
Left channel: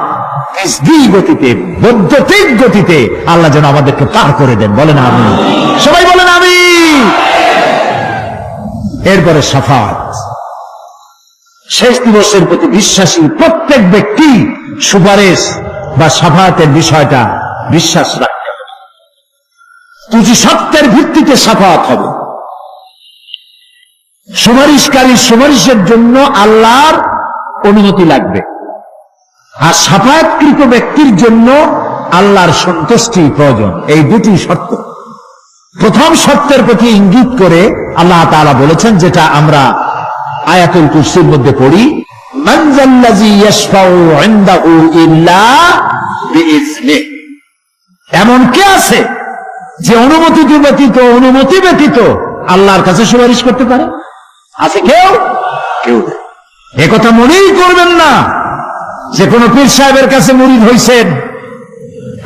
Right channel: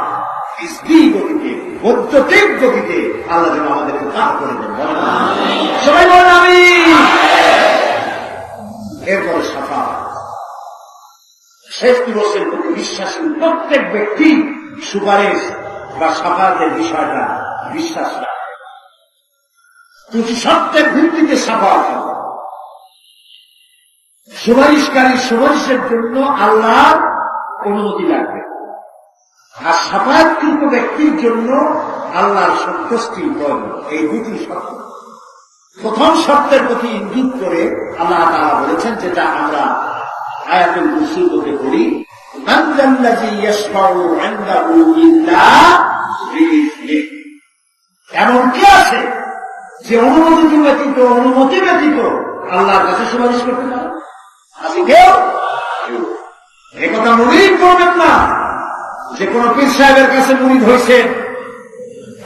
গতিতে, বৈদ্যুতিক গতিতে আল্লাহ যেন আমাদেরকে পার করে দেন। বলেন আমিন, সবাই বলেন আমিন। এরপরে শাফাত, শেষ দিবসের প্রতি বিশ্বাসী প্রত্যেক ব্যক্তি সুপারিশ বা শাফাতের বিষয়টা বিশ্বাস রাখতে হবে। দুটি সত্যের ভিত্তিতে শাফাত হবে। সুপারিশকারী সুপারিশের জন্য আল্লাহর অনুমতি লাগবে, আর শাফায়াতকৃত ব্যক্তির জন্য আল্লাহর সন্তুষ্টি প্রয়োজন। এই দুটি শর্ত। প্রথম শর্তের প্রতি ইঙ্গিত করে আল্লাহ তাআলা বলেছেন, যেটা আমরা আয়াতুল কুরসির মধ্যে পড়ি, মান যাল্লাযী ইয়াশফাউ ইনদাহু ইল্লা বিইজনিহি। এমন কে আছে যে অনুমতি ব্যতীত আল্লাহর কাছে সুপারিশ করতে পারে? আছে কেউ? কেউ। একথা মনেই করবেন না যে কোন পীর সাহেবের কাছে মুরিদ হইছেন,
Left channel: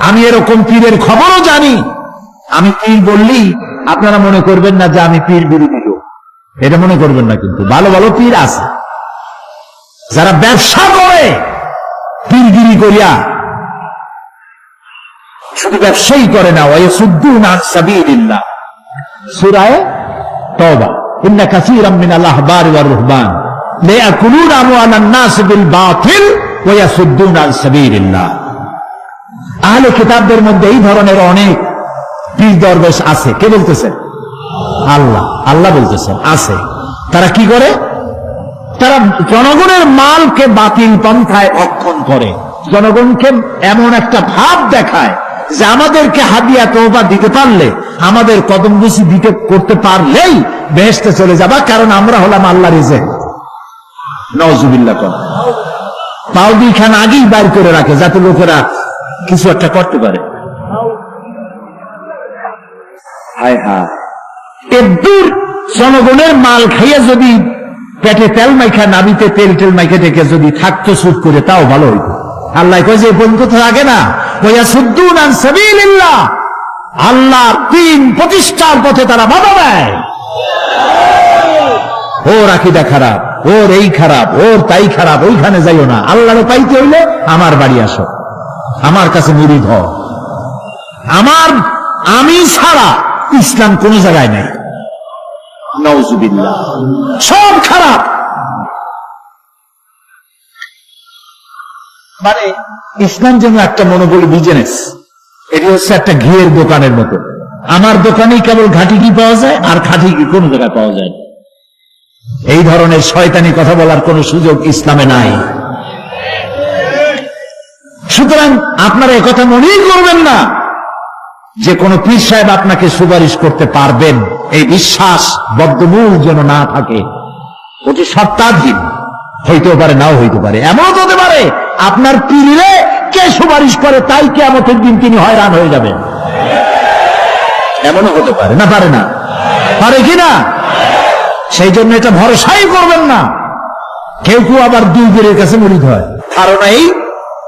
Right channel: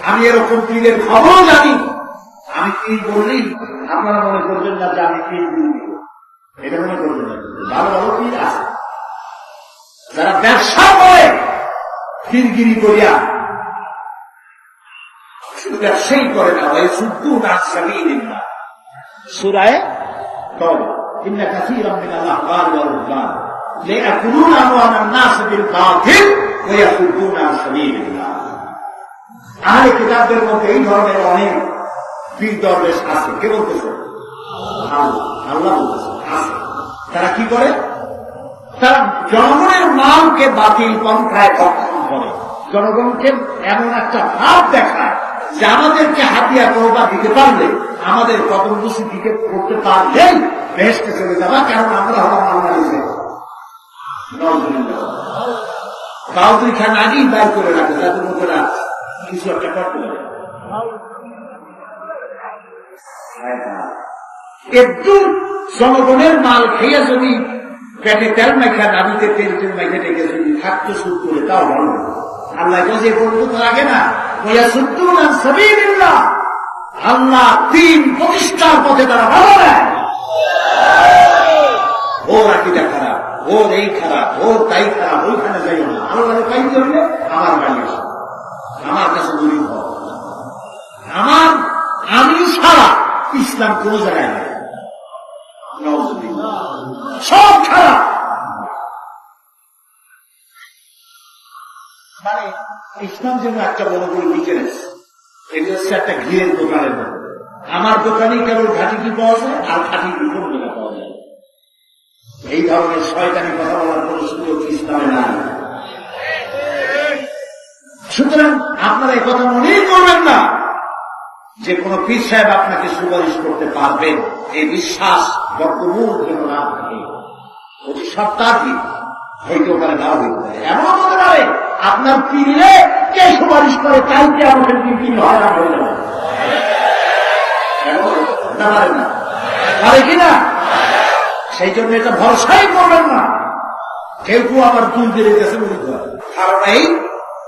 আমি এরকম পীরের খবরও জানি। আমি পীর বললেই আপনারা মনে করবেন না যে আমি পীর বিরোধী লোক, এটা মনে করবেন না। কিন্তু ভালো ভালো পীর আছে যারা ব্যবসা করে পীরগিরি করিয়া, শুধু ব্যবসায়ী করে না, ওয়ায়াসুদ্দুনা আন সাবিলিল্লাহ। সূরা তাওবা, ইন্না কাসীরাম মিনাল আহবারি ওয়ার রুহবান লায়াকুলুনা আমওয়ালান নাস বিল বাতিল ওয়ায়াসুদ্দুনা আন সাবিলিল্লাহ। আহলে কিতাবদের মধ্যে এই ধরনের অনেক পীর দরবেশ আছে। কে বলতেছেন? আল্লাহ বলতেছেন আছে। তারা কি করে? তারা জনগণের মালকে বাতিল পন্থায় ভক্ষণ করে, জনগণকে এমন একটা ভাব দেখায় যে আমাদেরকে হাদিয়া তওবা দিতে পারলে, আমাদের কদমবুসি দিতে করতে পারলেই বেহেশতে চলে যাবা, কারণ আমরা হলাম আল্লাহর রিজেক্ট। নাউজুবিল্লাহ। পাও দুইখান আগেই বার করে রাখে যাতে লোকেরা কিছু একটা করতে পারে। হায় হায়, এদূর জনগণের মাল খাইয়া যদি পেটে তেল মাইখা, নাবিতে তেল মাইখা ডেকে যদি থাকতো সুদ করে, তাও ভালো হইত। আল্লাহ কয় যে বন্ধু তো লাগে না, ওয়ায়াসুদ্দুনা আন সাবিলিল্লাহ, আল্লাহ দ্বীন প্রতিষ্ঠার পথে তারা বাধা দেয়। ওর আকীদা খারাপ, ওর এই খারাপ, ওর তাই খারাপ, ওইখানে যাইও না। আল্লাহরে পাইতে হইলে আমার বাড়ি আসো, আমার কাছে মুরিদ হও। আমি ছাড়া ইসলাম কোন জায়গায় নেই। নাউজুবিল্লাহ, সব খারাপ। মানে ইসলাম যেন একটা মনোবলী বিজনেস, এটি হচ্ছে একটা ঘিয়ের দোকানের মতো। আমার দোকানেই কেবল ঘাটি ঘি পাওয়া যায়, আর খাঁটি ঘি কোন জায়গায় পাওয়া যায় না। এই ধরনের শয়তানি কথা বলার কোন সুযোগ ইসলামে নাই। সুতরাং আপনারা একথা মনেই করবেন না যে কোন পীর সাহেব আপনাকে সুপারিশ করতে পারবেন, এই বিশ্বাস বদ্ধমূল যেন না থাকে। ওটি সত্তাধীন, হইতেও পারে নাও হইতে পারে। এমন হতে পারে আপনার পীরে কে সুপারিশ করে তাই কিয়ামতের দিন তিনি হয়রান হয়ে যাবেন। এমনও হতে পারে না? পারে না? পারে কিনা? সেই জন্য এটা ভরসাই করবেন না। কেউ কেউ আবার দুই পীরের কাছে মুরিদ হয়, ধারণা এই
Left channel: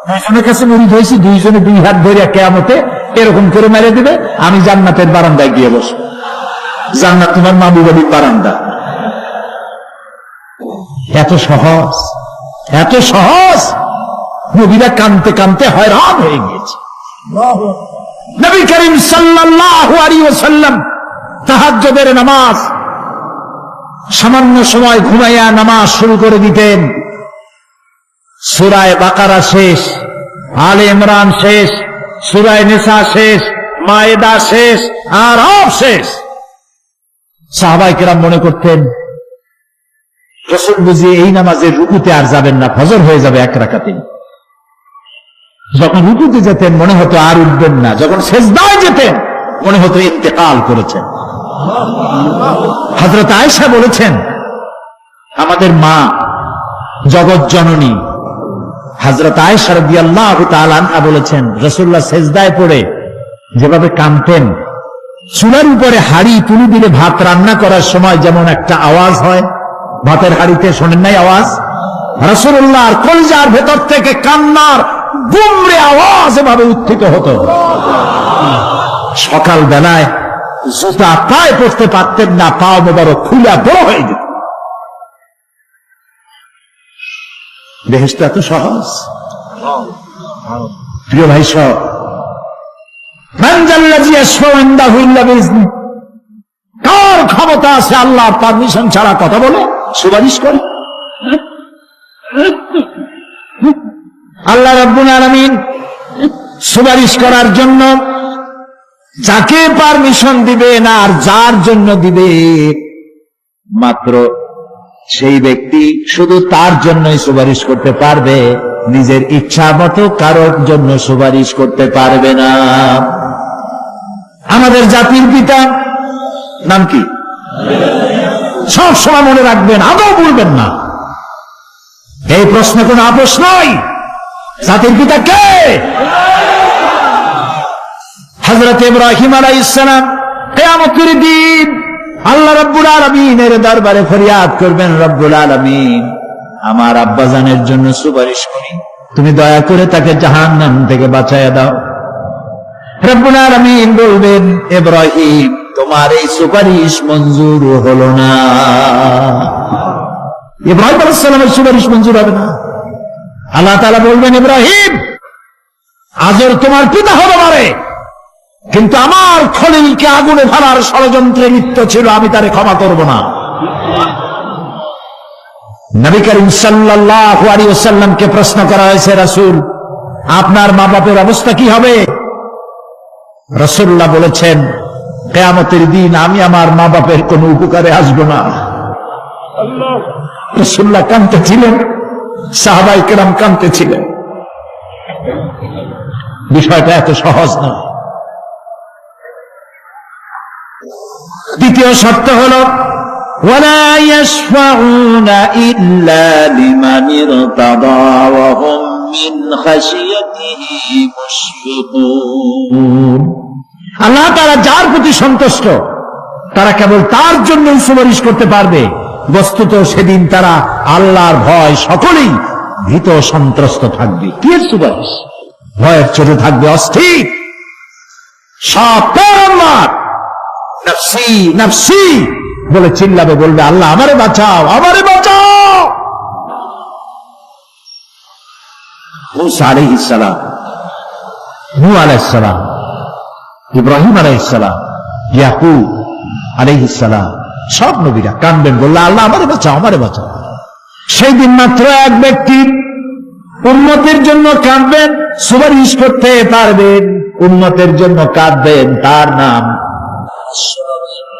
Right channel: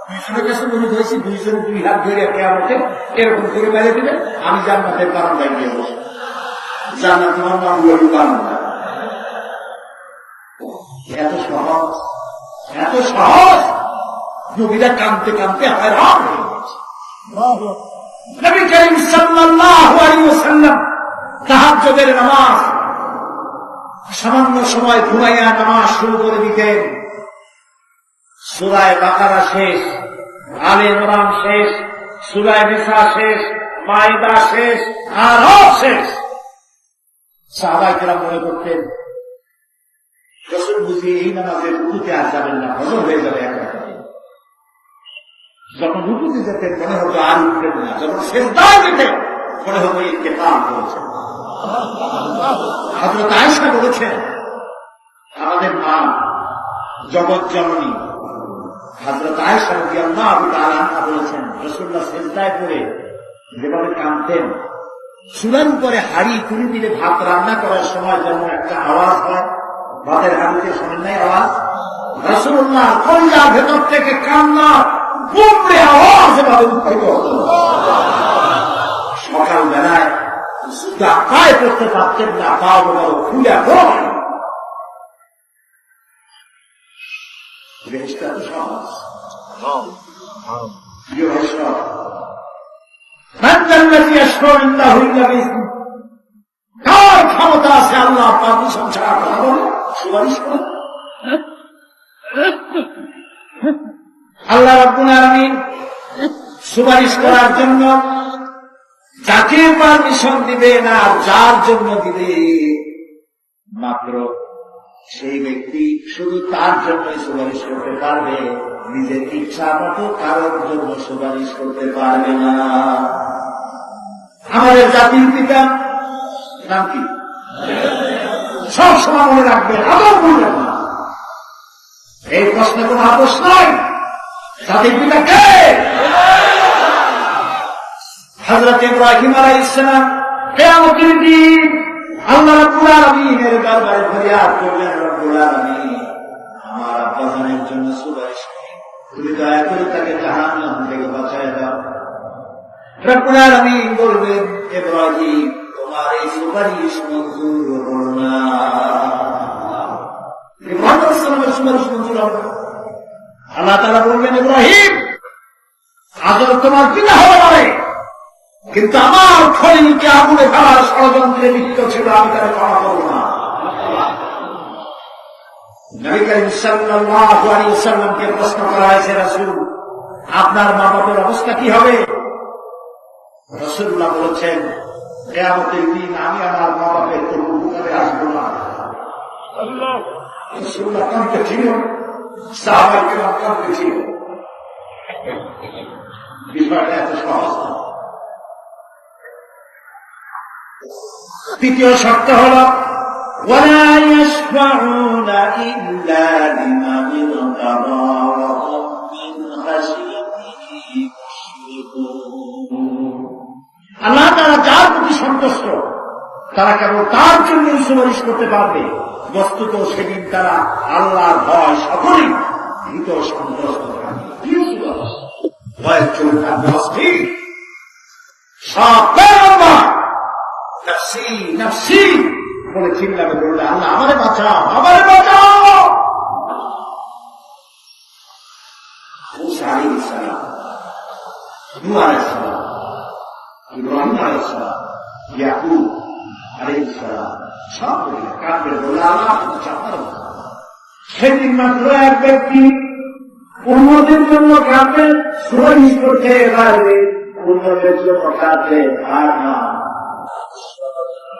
দুইজনের কাছে মুরিদ হয়েছি, দুইজনে দুই হাত ধরে কিয়ামতে এরকম করে মেরে দিবে, আমি জান্নাতের বারান্দায় গিয়ে বসবো। জান্নাত তোমার মামু বাড়ির বারান্দা। এত সহজ, এত সহজ। নবীরা কানতে কানতে হয়রান হয়ে গিয়েছে। নবী করিম সাল্লাল্লাহু আলাইহি ওয়াসাল্লাম তাহাজ্জুদের নামাজ সামান্য সময় ঘুমাইয়া নামাজ শুরু করে দিতেন। সূরা বাকারা শেষ, আলে ইমরান শেষ, সূরা নিসা শেষ, মায়েদা শেষ, আরাফ শেষ। সাহাবায়ে কেরাম মনে করতেন রাসূল বুঝি এই নামাজের রুকুতে আর যাবেন না, ফজর হয়ে যাবে এক রাকাতে। যখন রুকুতে যেতেন মনে হতো আর উঠবেন না, যখন সেজদায় যেতেন মনে হতো ইন্তেকাল করেছেন। হযরত আয়েশা বলেছেন, আমাদের মা জগৎ জননী হযরত আয়েশা রাদিয়াল্লাহু তাআলা আনহা বলেছেন, রাসূলুল্লাহ সেজদায় পড়ে যেভাবে কাঁদতেন, চুলার উপরে হাড়ি তুলে দিলে ভাত রান্না করার সময় যেমন একটা আওয়াজ হয়, ভাতের হাড়িতে শোনেন নাই আওয়াজ? রাসূলুল্লাহর কলিজার ভেতর থেকে কান্নার গুমরে আওয়াজ এভাবে উত্থিত হতো। সকাল বেলায় জুতা পায়ে পড়তে পারতেন না, পা মোবারক খুলে বড় হয়ে যেত। বেহেশত এত সহজ? প্রিয় ভাই সব, কার ক্ষমতা আছে আল্লাহর পারমিশন ছাড়া কথা বলে, সুপারিশ করে? আল্লাহ রাব্বুল আলামিন সুপারিশ করার জন্য যাকে পারমিশন দিবে না, আর যার জন্য দিবে মাত্র সেই ব্যক্তি শুধু তার জন্যই সুপারিশ করতে পারবে, নিজের ইচ্ছা মতো কারোর জন্য সুপারিশ করতে পারবে না। আমাদের জাতির পিতা নাম কি? সব সময় মনে রাখবেন, আদৌ বলবেন না। এই প্রশ্নে কোনো আপোষ নাই। জাতির পিতা কে? হযরত ইব্রাহিম আলাইহিস সালাম কিয়ামতের দিন আল্লাহ রাব্বুল আলামিনের দরবারে ফরিয়াদ করবেন, রব্বুল আলামিন আমার আব্বাজানের জন্য সুপারিশ করি, তুমি দয়া করে তাকে জাহান্নাম থেকে বাঁচায়া দাও। রব্বুল আলামিন বলবেন, ইব্রাহিম তোমার এই সুপারিশ মঞ্জুর হলো না। ইব্রাহিম আলাইহিস সালামের সুপারিশ মঞ্জুর হবে না। আল্লাহ তাআলা বলবেন, ইব্রাহিম আজর তোমার পিতা হতে পারে, কিন্তু আমার খলিলকে আগুনে ফেলার ষড়যন্ত্রে লিপ্ত ছিল, আমি তারে ক্ষমা করব না। নবী করিম সাল্লাল্লাহু আলাইহি ওয়াসাল্লামকে প্রশ্ন করা হয়েছে, রাসূল আপনার মা বাপের অবস্থা কি হবে? রাসূলুল্লাহ বলেছেন, কিয়ামতের দিন আমি আমার মা বাপের কোনো উপকারে আসব না। রাসূলুল্লাহ কাঁদতেছিলেন, সাহাবায়ে কেরাম কাঁদতেছিলেন। বিষয়টা এত সহজ না। দ্বিতীয় সত্য হল, ওয়ালা ইয়াশফাউনা ইল্লা লিমান ইরতাদা ওয়া হুম মিন খাশিয়াতিহি মুশফিকুন। আল্লাহ তাআলা যার প্রতি সন্তুষ্ট তারা কেবল তার জন্যই সুপারিশ করতে পারবে। বস্তুত সেদিন তারা আল্লাহর ভয় সকলেই ভীত সন্ত্রস্ত থাকবে। কি সুপারিশ? ভয়ের চোটে থাকবে অস্থির, সব আল্লাহ নফসি নফসি বলে চিল্লাবে, বলবে আল্লাহ আমারে বাঁচাও, আমারে বাঁচাও। মুসা আলাইহিস সালাম, নূহ আলাইহিস সালাম, ইব্রাহিম আলাইহিস সালাম, ইয়াকুব আলাইহিস সালাম, সব নবীরা কাঁদবেন, বললে আল্লাহ আমারে বাঁচাও, আমারে বাঁচাও। সেদিন মাত্র এক ব্যক্তি উম্মতের জন্য কাঁদবেন, সুপারিশ করতে পারবেন, উম্মতের জন্য কাঁদবেন, তার নাম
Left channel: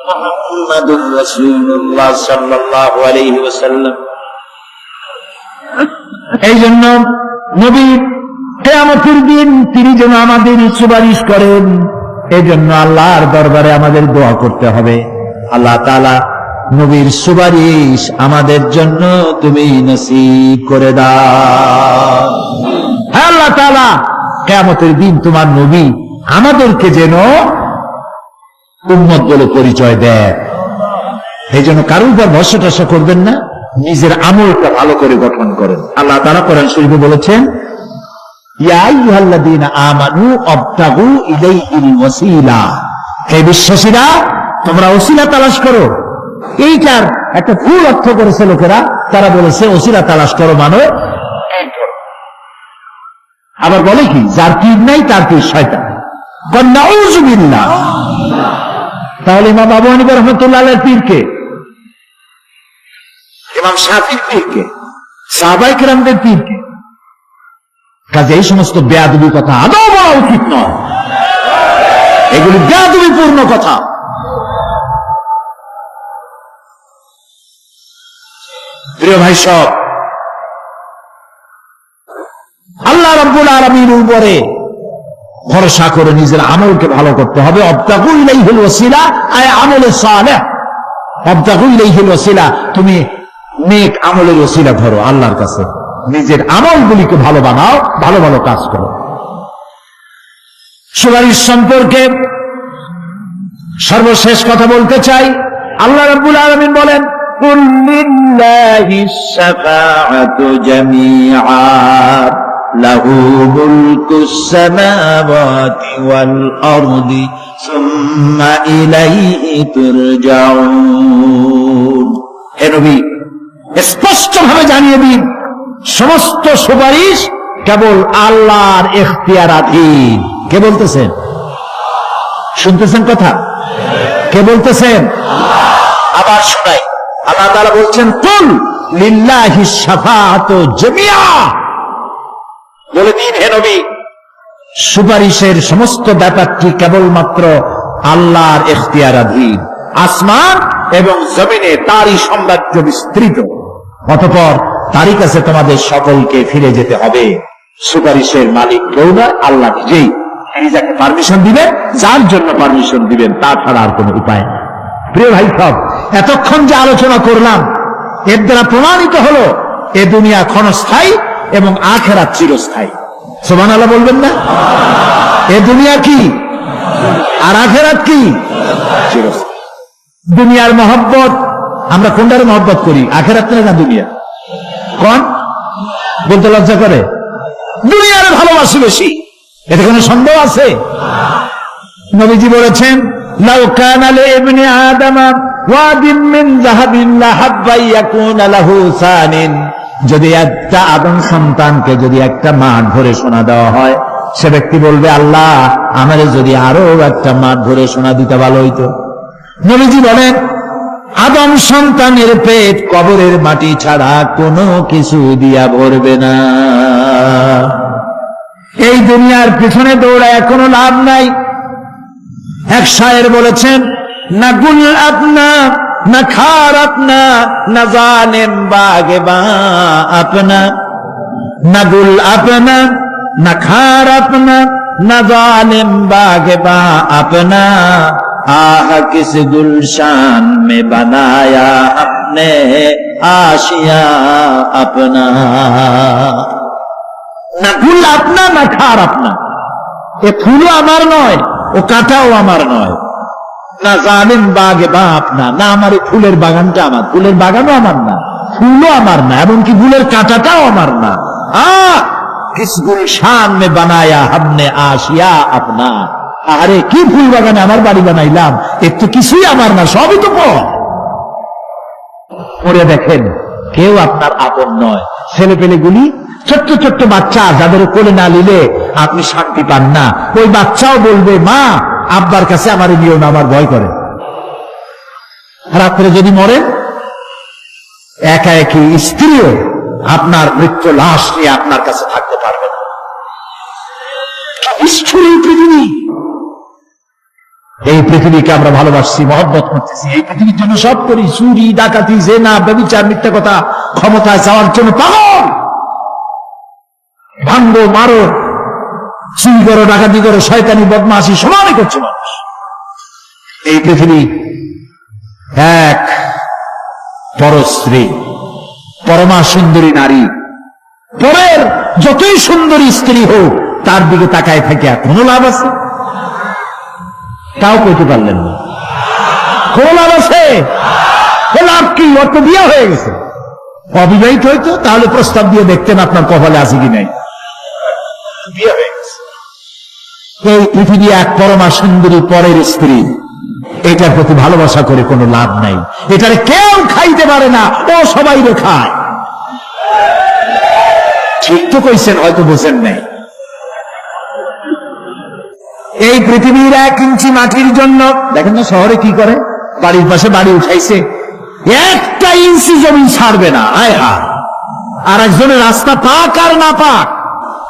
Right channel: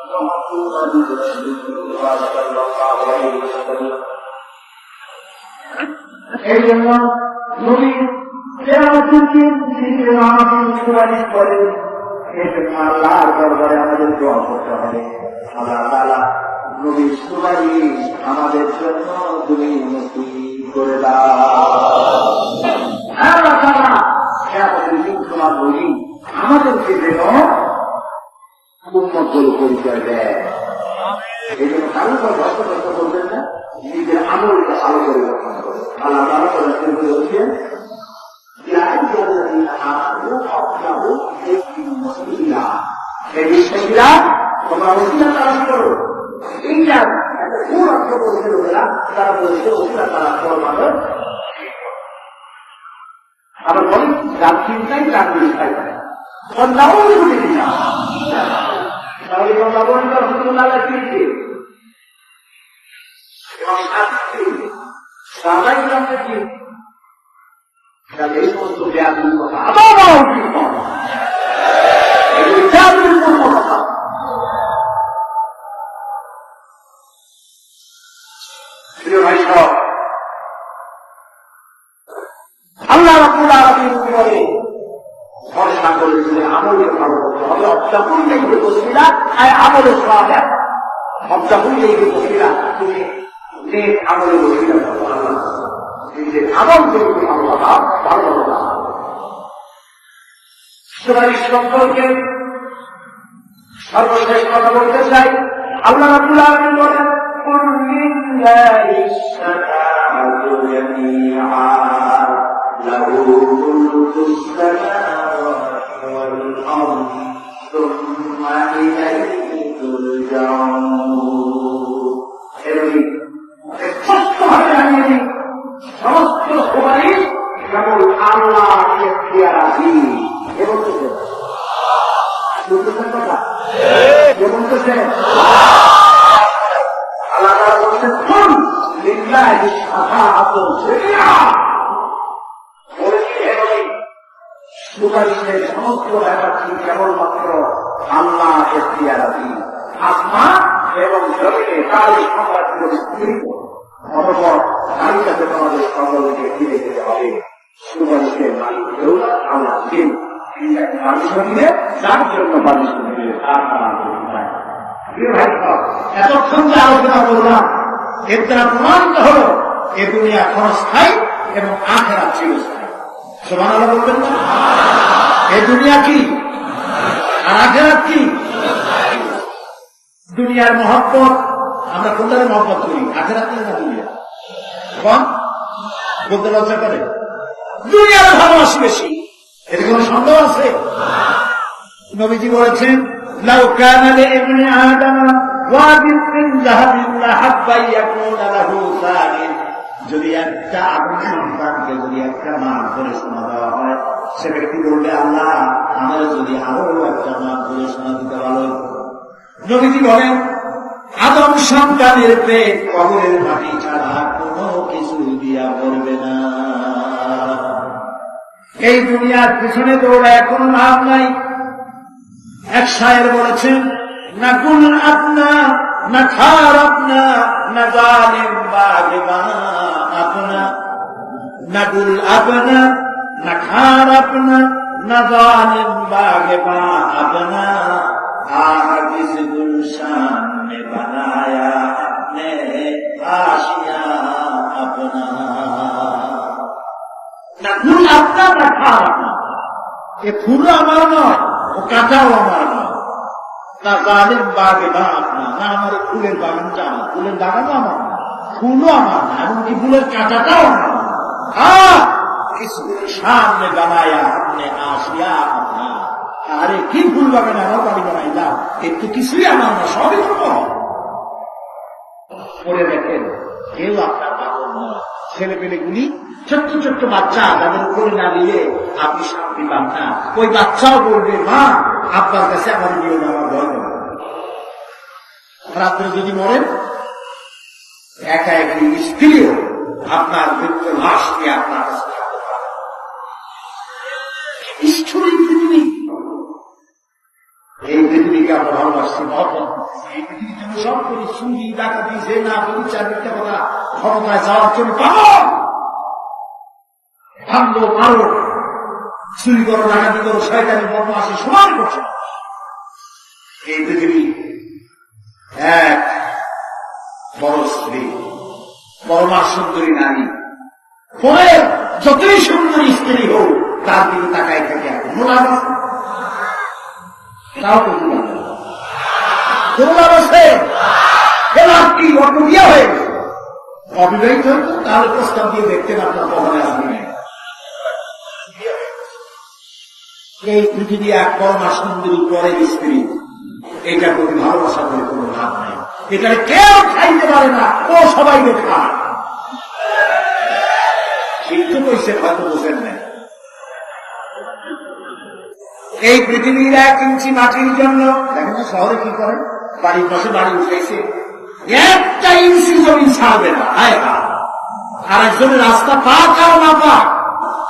মুহাম্মাদুর রাসূলুল্লাহ সাল্লাল্লাহু আলাইহি ওয়াসাল্লাম। এই জন্য নবী কিয়ামতের দিন তিনি যেন আমাদের সুপারিশ করেন, এই জন্য আল্লাহর দরবারে আমাদের দোয়া করতে হবে, আল্লাহ তাআলা নবীর সুপারিশ আমাদের জন্য তুমি নসিব করে দাও। আল্লাহ তাআলা কিয়ামতের দিন তোমার নবী আমাদেরকে যেন উম্মত বলে পরিচয় দেয়। এই জন্য কারোর উপর ভরসা টসা করবেন না, নিজের আমলটা ভালো করে গঠন করেন। আল্লাহ তাআলা কোরআন শরীফে বলেছেন, ইয়া আইয়ুহাল্লাযীনা আমানু আবতাগু ইলাইহিল ওয়াসিলা, হে বিশ্বাসীরা তোমরা ওসিলা তালাশ করো। এইটার একটা ভুল অর্থ করেছে লোকেরা, তারা বলেছে ওসিলা তালাশ করো মানে, আবার বলে কি যার পীর নাই তার পীর শয়তান। নাউযু বিল্লাহ। তাহলে ইমাম আবু হানিফা রাহমাতুল্লাহ আলাইহির পীরকে, ইমাম শাফিঈর পীরকে, সাহাবায়ে কেরামদের পীরকে? কাজে এই সমস্ত বেয়াদবি কথা আদৌ বলা উচিত নয়, এগুলি বেয়াদবিপূর্ণ কথা। প্রিয় ভাই সব, আল্লাহ রাব্বুল আলামিনের উপরে ভরসা করে নিজের আমলকে ভালো করতে হবে। আবতাগু ইলাইহিল ওয়াসিলা আয় আমলে সালেহ, আবতাগু ইলাইহিল ওয়াসিলা, তুমি নেক আমলের ওসিলা ধরো আল্লাহর কাছে। নিজের আমলগুলিকে ভালো বানাও, ভালো ভালো কাজ করো। সুপারিশ সম্পর্কে সর্বশেষ কথা বলতে চাই। আল্লাহ রাব্বুল আলামিন বলেন, কুল লিল্লাহিশ শাফাআতু জামিআ লাহু মুলকুস সামাওয়াতি ওয়াল আরদি সুম্মা ইলাইহি তুরজাউন। হে নবী, স্পষ্টভাবে জানিয়ে দিন, সমস্ত সুপারিশ কেবল আল্লাহর ইখতিয়ারাধীন। কে বলতেছেন? শুনতেছেন কথা? কে বলতেছেন? আবার শোনাই। আল্লাহ তাআলা বলছেন, কুল লিল্লাহিশ শাফাআতু জামিআ। বলে দিন হে নবী, সুপারিশের সমস্ত ব্যাপারটি কেবলমাত্র আল্লাহর ইখতিয়ারাধীন। আসমান এবং জমিনে তারই সাম্রাজ্য বিস্তৃত, অতঃপর তারই কাছে তোমাদের সকলকে ফিরে যেতে হবে। সুপারিশের মালিক কেউ না, আল্লাহ নিজেই। তিনি যাকে পারমিশন দিবেন, যার জন্য পারমিশন দিবেন, তাছাড়া আর কোন উপায় নেই। প্রিয় ভাই সব, এতক্ষণ যে আলোচনা করলাম এর দ্বারা প্রমাণিত হলো এ দুনিয়া ক্ষণস্থায়ী এবং আখিরাত চিরস্থায়ী। সুবহানাল্লাহ বলবেন না? এ দুনিয়া কি আর আখিরাত কি? চিরস্থায়ী। দুনিয়ার মহব্বত, আমরা কোনটার মহব্বত করি? আখিরাত না দুনিয়া? কোন বলতে লজ্জা করে? দুনিয়ার ভালোবাসি বেশি, এতে কোনো সন্দেহ আছে? নবীজি বলেছেন, লাউ কানা লিইবনি আদম ওয়াদিন মিন যাহাবিন লাহাব্বা ইয়াকুনা লাহু সানিন। যদি একটা আদম সন্তানকে যদি একটা মাঠ ভরে সোনা দেওয়া হয়, সে ব্যক্তি বলবে, আল্লাহ আমারে যদি আরো একটা মাঠ ভরে সোনা দিতে ভালো হইতো। নবীজি বলেন, আদম সন্তানের পেট কবরের মাটি ছাড়া কোনো কিছু দিয়া ভরবে না। এই দুনিয়ার পিছনে দৌড়ায় কোনো লাভ নাই। এক শায়ের বলেছেন, না গুল আপনা না খার আপনা না জানেন বাগে বা আপনা, না গুল আপনা না খার আপনা না জানেন বাগে বা আপনা, आह किस गुलशान में बनाया अपने आशिया अपना। না ফুল আপনা না খার আপনা, এ ফুলও আমার নয়, ও কাঁটাও আমার নয়। না জানেন বাগে বা আপনা, না আমার ফুলের বাগানটা আমার, ফুলের বাগানও আমার না, ফুলও আমার না, এমনকি ফুলের কাঁটাটাও আমার না। আহ কিস গুলশান মে বানায়া हमने आशिया अपना। আরে কি ফুল বাগানে আমার বাড়ি বানাইলাম, এর তো কিছুই আমার না, সবই তো পরে দেখেন কেউ আপনার আপন নয়। ছেলে পেলেগুলি, ছোট্ট ছোট্ট বাচ্চা যাদের কোলে না নিলে আপনি শান্তি পান না, ওই বাচ্চাও বলবে, মা আব্বার কাছে আমার নিও না, আমার ভয় করে। রাত্রে যদি মরেন, একা একই স্ত্রীও আপনার মৃত্যু লাশ নিয়ে আপনার কাছে থাকতে পারবে না। পৃথিবী, এই পৃথিবীকে আমরা ভালোবাসছি, মহব্বত করতেছি, এই পৃথিবীর জন্য সব করি, চুরি ডাকাতি জেনা ব্যভিচার মিথ্যা কথা ক্ষমতায় যাওয়ার জন্য পাগল। ভাঙ্গো মারো, চুরি করো, ডাকাতি করো, শয়তানি বদমাশি সমানই করছে মানুষ। এই পৃথিবী এক পরস্ত্রী, পরমা সুন্দরী নারী, পরের যতই সুন্দরী স্ত্রী হোক তার দিকে তাকায় থেকে কোনো লাভ আছে? তাও কইতে পারলেন না। কোন লাভ আছে? লাভ কি? অত বিয়ে হয়ে গেছে। অবিবাহিত হইতো তাহলে প্রস্তাব দিয়ে দেখতেন আপনার কপালে আছে কি নাই। বিয়ে হয়ে গেছে। এই পৃথিবী এক পরমা সুন্দরী পরের স্ত্রী, এটার প্রতি ভালোবাসা করে কোনো লাভ নাই। এটার কেউ খাইতে পারে না, ও সবাই খায়। ঠিক তো কইছেন, হয়তো বোঝেন নাই। এই পৃথিবীর 1 ইঞ্চি মাটির জন্য দেখেন না শহরে কি করে, বাড়ির পাশে বাড়ি উঠাইছে, 1 ইঞ্চি জমি ছাড়বে না। আয় হায়, আর একজনের রাস্তা পাক আর না পাক,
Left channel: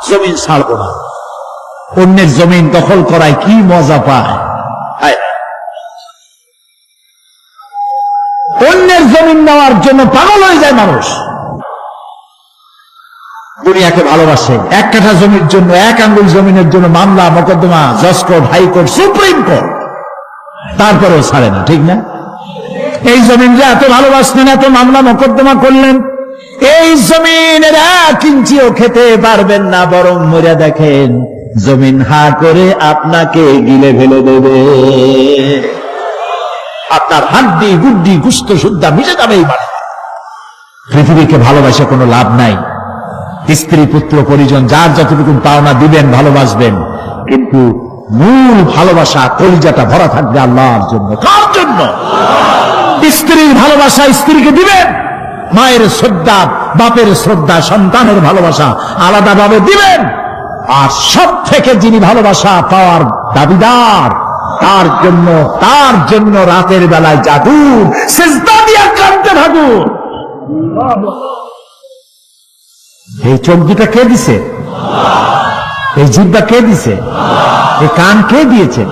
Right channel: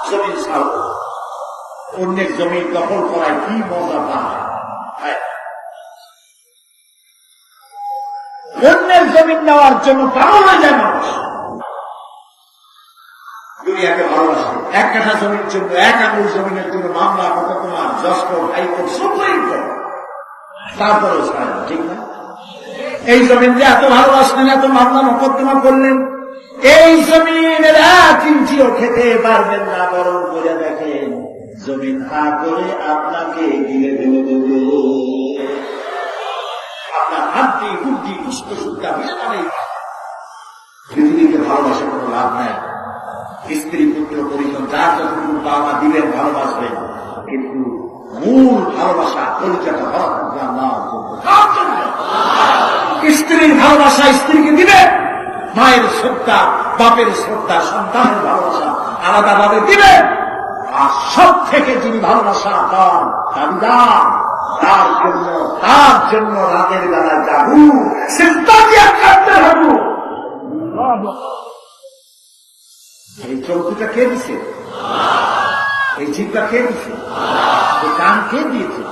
জমিন ছাড়বো না। অন্যের জমিন দখল করায় কি মজা পায়। অন্যের জমিন নেওয়ার জন্য পাগল হয়ে যায় মানুষ। দুনিয়াকে ভালোবাসে, 1 কাঠা জমির জন্য, 1 আঙ্গুল জমিনের জন্য মামলা মোকদ্দমা, জজ কোর্ট, হাইকোর্ট, সুপ্রিম কোর্ট, তারপরেও ছাড়ে না। ঠিক না? এই জমিন যে এত ভালোবাসলেন, এত মামলা মোকদ্দমা করলেন, এই জমিনের 1 ইঞ্চিও খেতে পারবেন না, বরং মরে দেখেন জমিন হা করে আপনাকে গিলে ফেলে দেবে। আপনার হাড্ডি গুড্ডি গুস্ত সুদ্ধা মিশে যাবে এই বাড়ি। পৃথিবীকে ভালোবাসে কোনো লাভ নাই। স্ত্রী পুত্র পরিজন যার যতটুকু পাওনা দিবেন, ভালোবাসবেন, কিন্তু মূল ভালোবাসা কলিজাটা ভরা থাকবে আল্লাহর জন্য। কার জন্য? স্ত্রীর ভালোবাসা স্ত্রীকে দিবেন, মায়ের শ্রদ্ধা, বাপের শ্রদ্ধা, সন্তানের ভালোবাসা আলাদাভাবে দিবেন। আর সব থেকে যিনি ভালোবাসা পাওয়ার দাবিদার, তার জন্য রাতের বেলায় জাদু সিজদা দিয়ে কাঁদতে থাকুন। এই চোখ দুটা কে দিছে? এই জিহ্বা কে দিছে? এই কান কে দিয়েছে?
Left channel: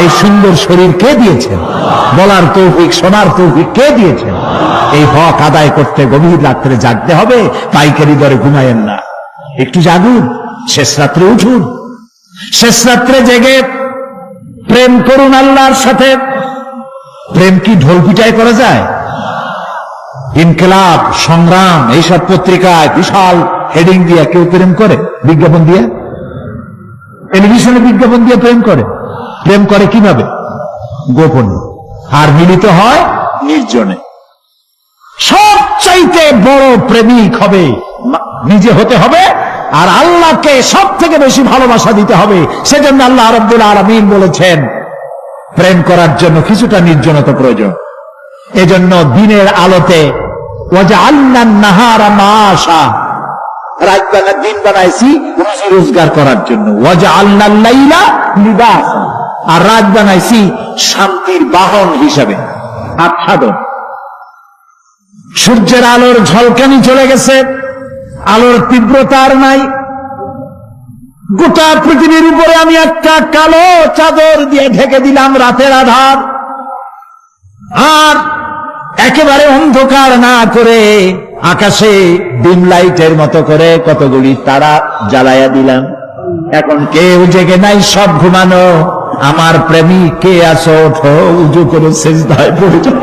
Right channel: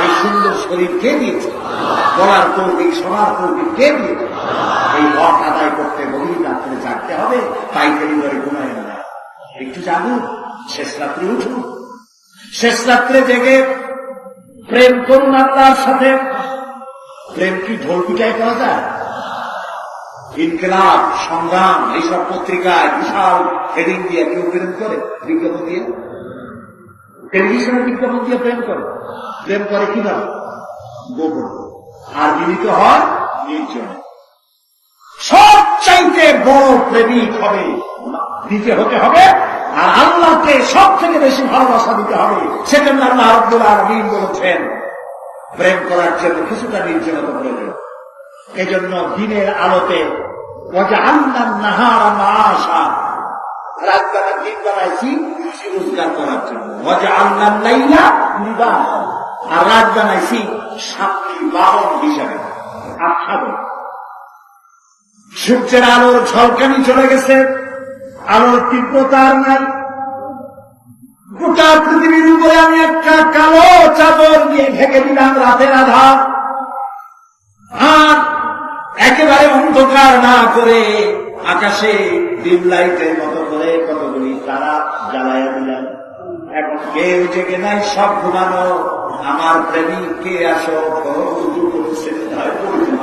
এই সুন্দর শরীর কে দিয়েছেন? বলার তৌফিক, শোনার তৌফিক কে দিয়েছেন? এই হক আদায় করতে গভীর রাত্রে জাগতে হবে, পাইকারি দরে ঘুমায়েন না। একটু জাগুন, শেষ রাত্রে উঠুন, শেষ রাত্রে জেগে প্রেম করুন আল্লাহর সাথে। প্রেম কি ঢোল পিটায় করা যায়? ইনকিলাব, সংগ্রাম এইসব পত্রিকায় বিশাল হেডিং দিয়ে কেউ প্রেম করে? বিজ্ঞাপন দিয়ে, টেলিভিশনে বিজ্ঞাপন দিয়ে প্রেম করে। প্রেম করে কিভাবে? গোপনে। আর মিলিত হয় নির্জনে। সবচাইতে বড় প্রেমিক হবে নিজে হতে হবে, আর আল্লাহকে সব থেকে বেশি ভালোবাসা দিতে হবে। সেজন্য আল্লাহ রাব্বুল আলামিন বলেছেন প্রেম করার জন্য কিছুটা নির্জনতা প্রয়োজন। এজন্য দিনের আলোতে ওয়াজআলনা নাহারা মাআশা, রাত বেলা দিন বানাইছি রুজি রোজগার করার জন্য। ওয়াজআলনা লাইলা লিবাসা, আর রাত বানাইছি শান্তির বাহন হিসাবে, আচ্ছাদন। সূর্যের আলোর ঝলকানি চলে গেছে, আলোর তীব্রতা আর নাই। গোটা পৃথিবীর উপরে আমি একটা কালো চাদর দিয়ে ঢেকে দিলাম রাতের আধার, আর একেবারে অন্ধকার না করে আকাশে ডিম লাইটের মতো করে কতগুলি তারা জ্বালাইয়া দিলাম। এখন কেউ জেগে নাই, সব ঘুমানো। আমার প্রেমিক কে আছো? ওঠো, উজু করে সিজদায় পড়ে যাও,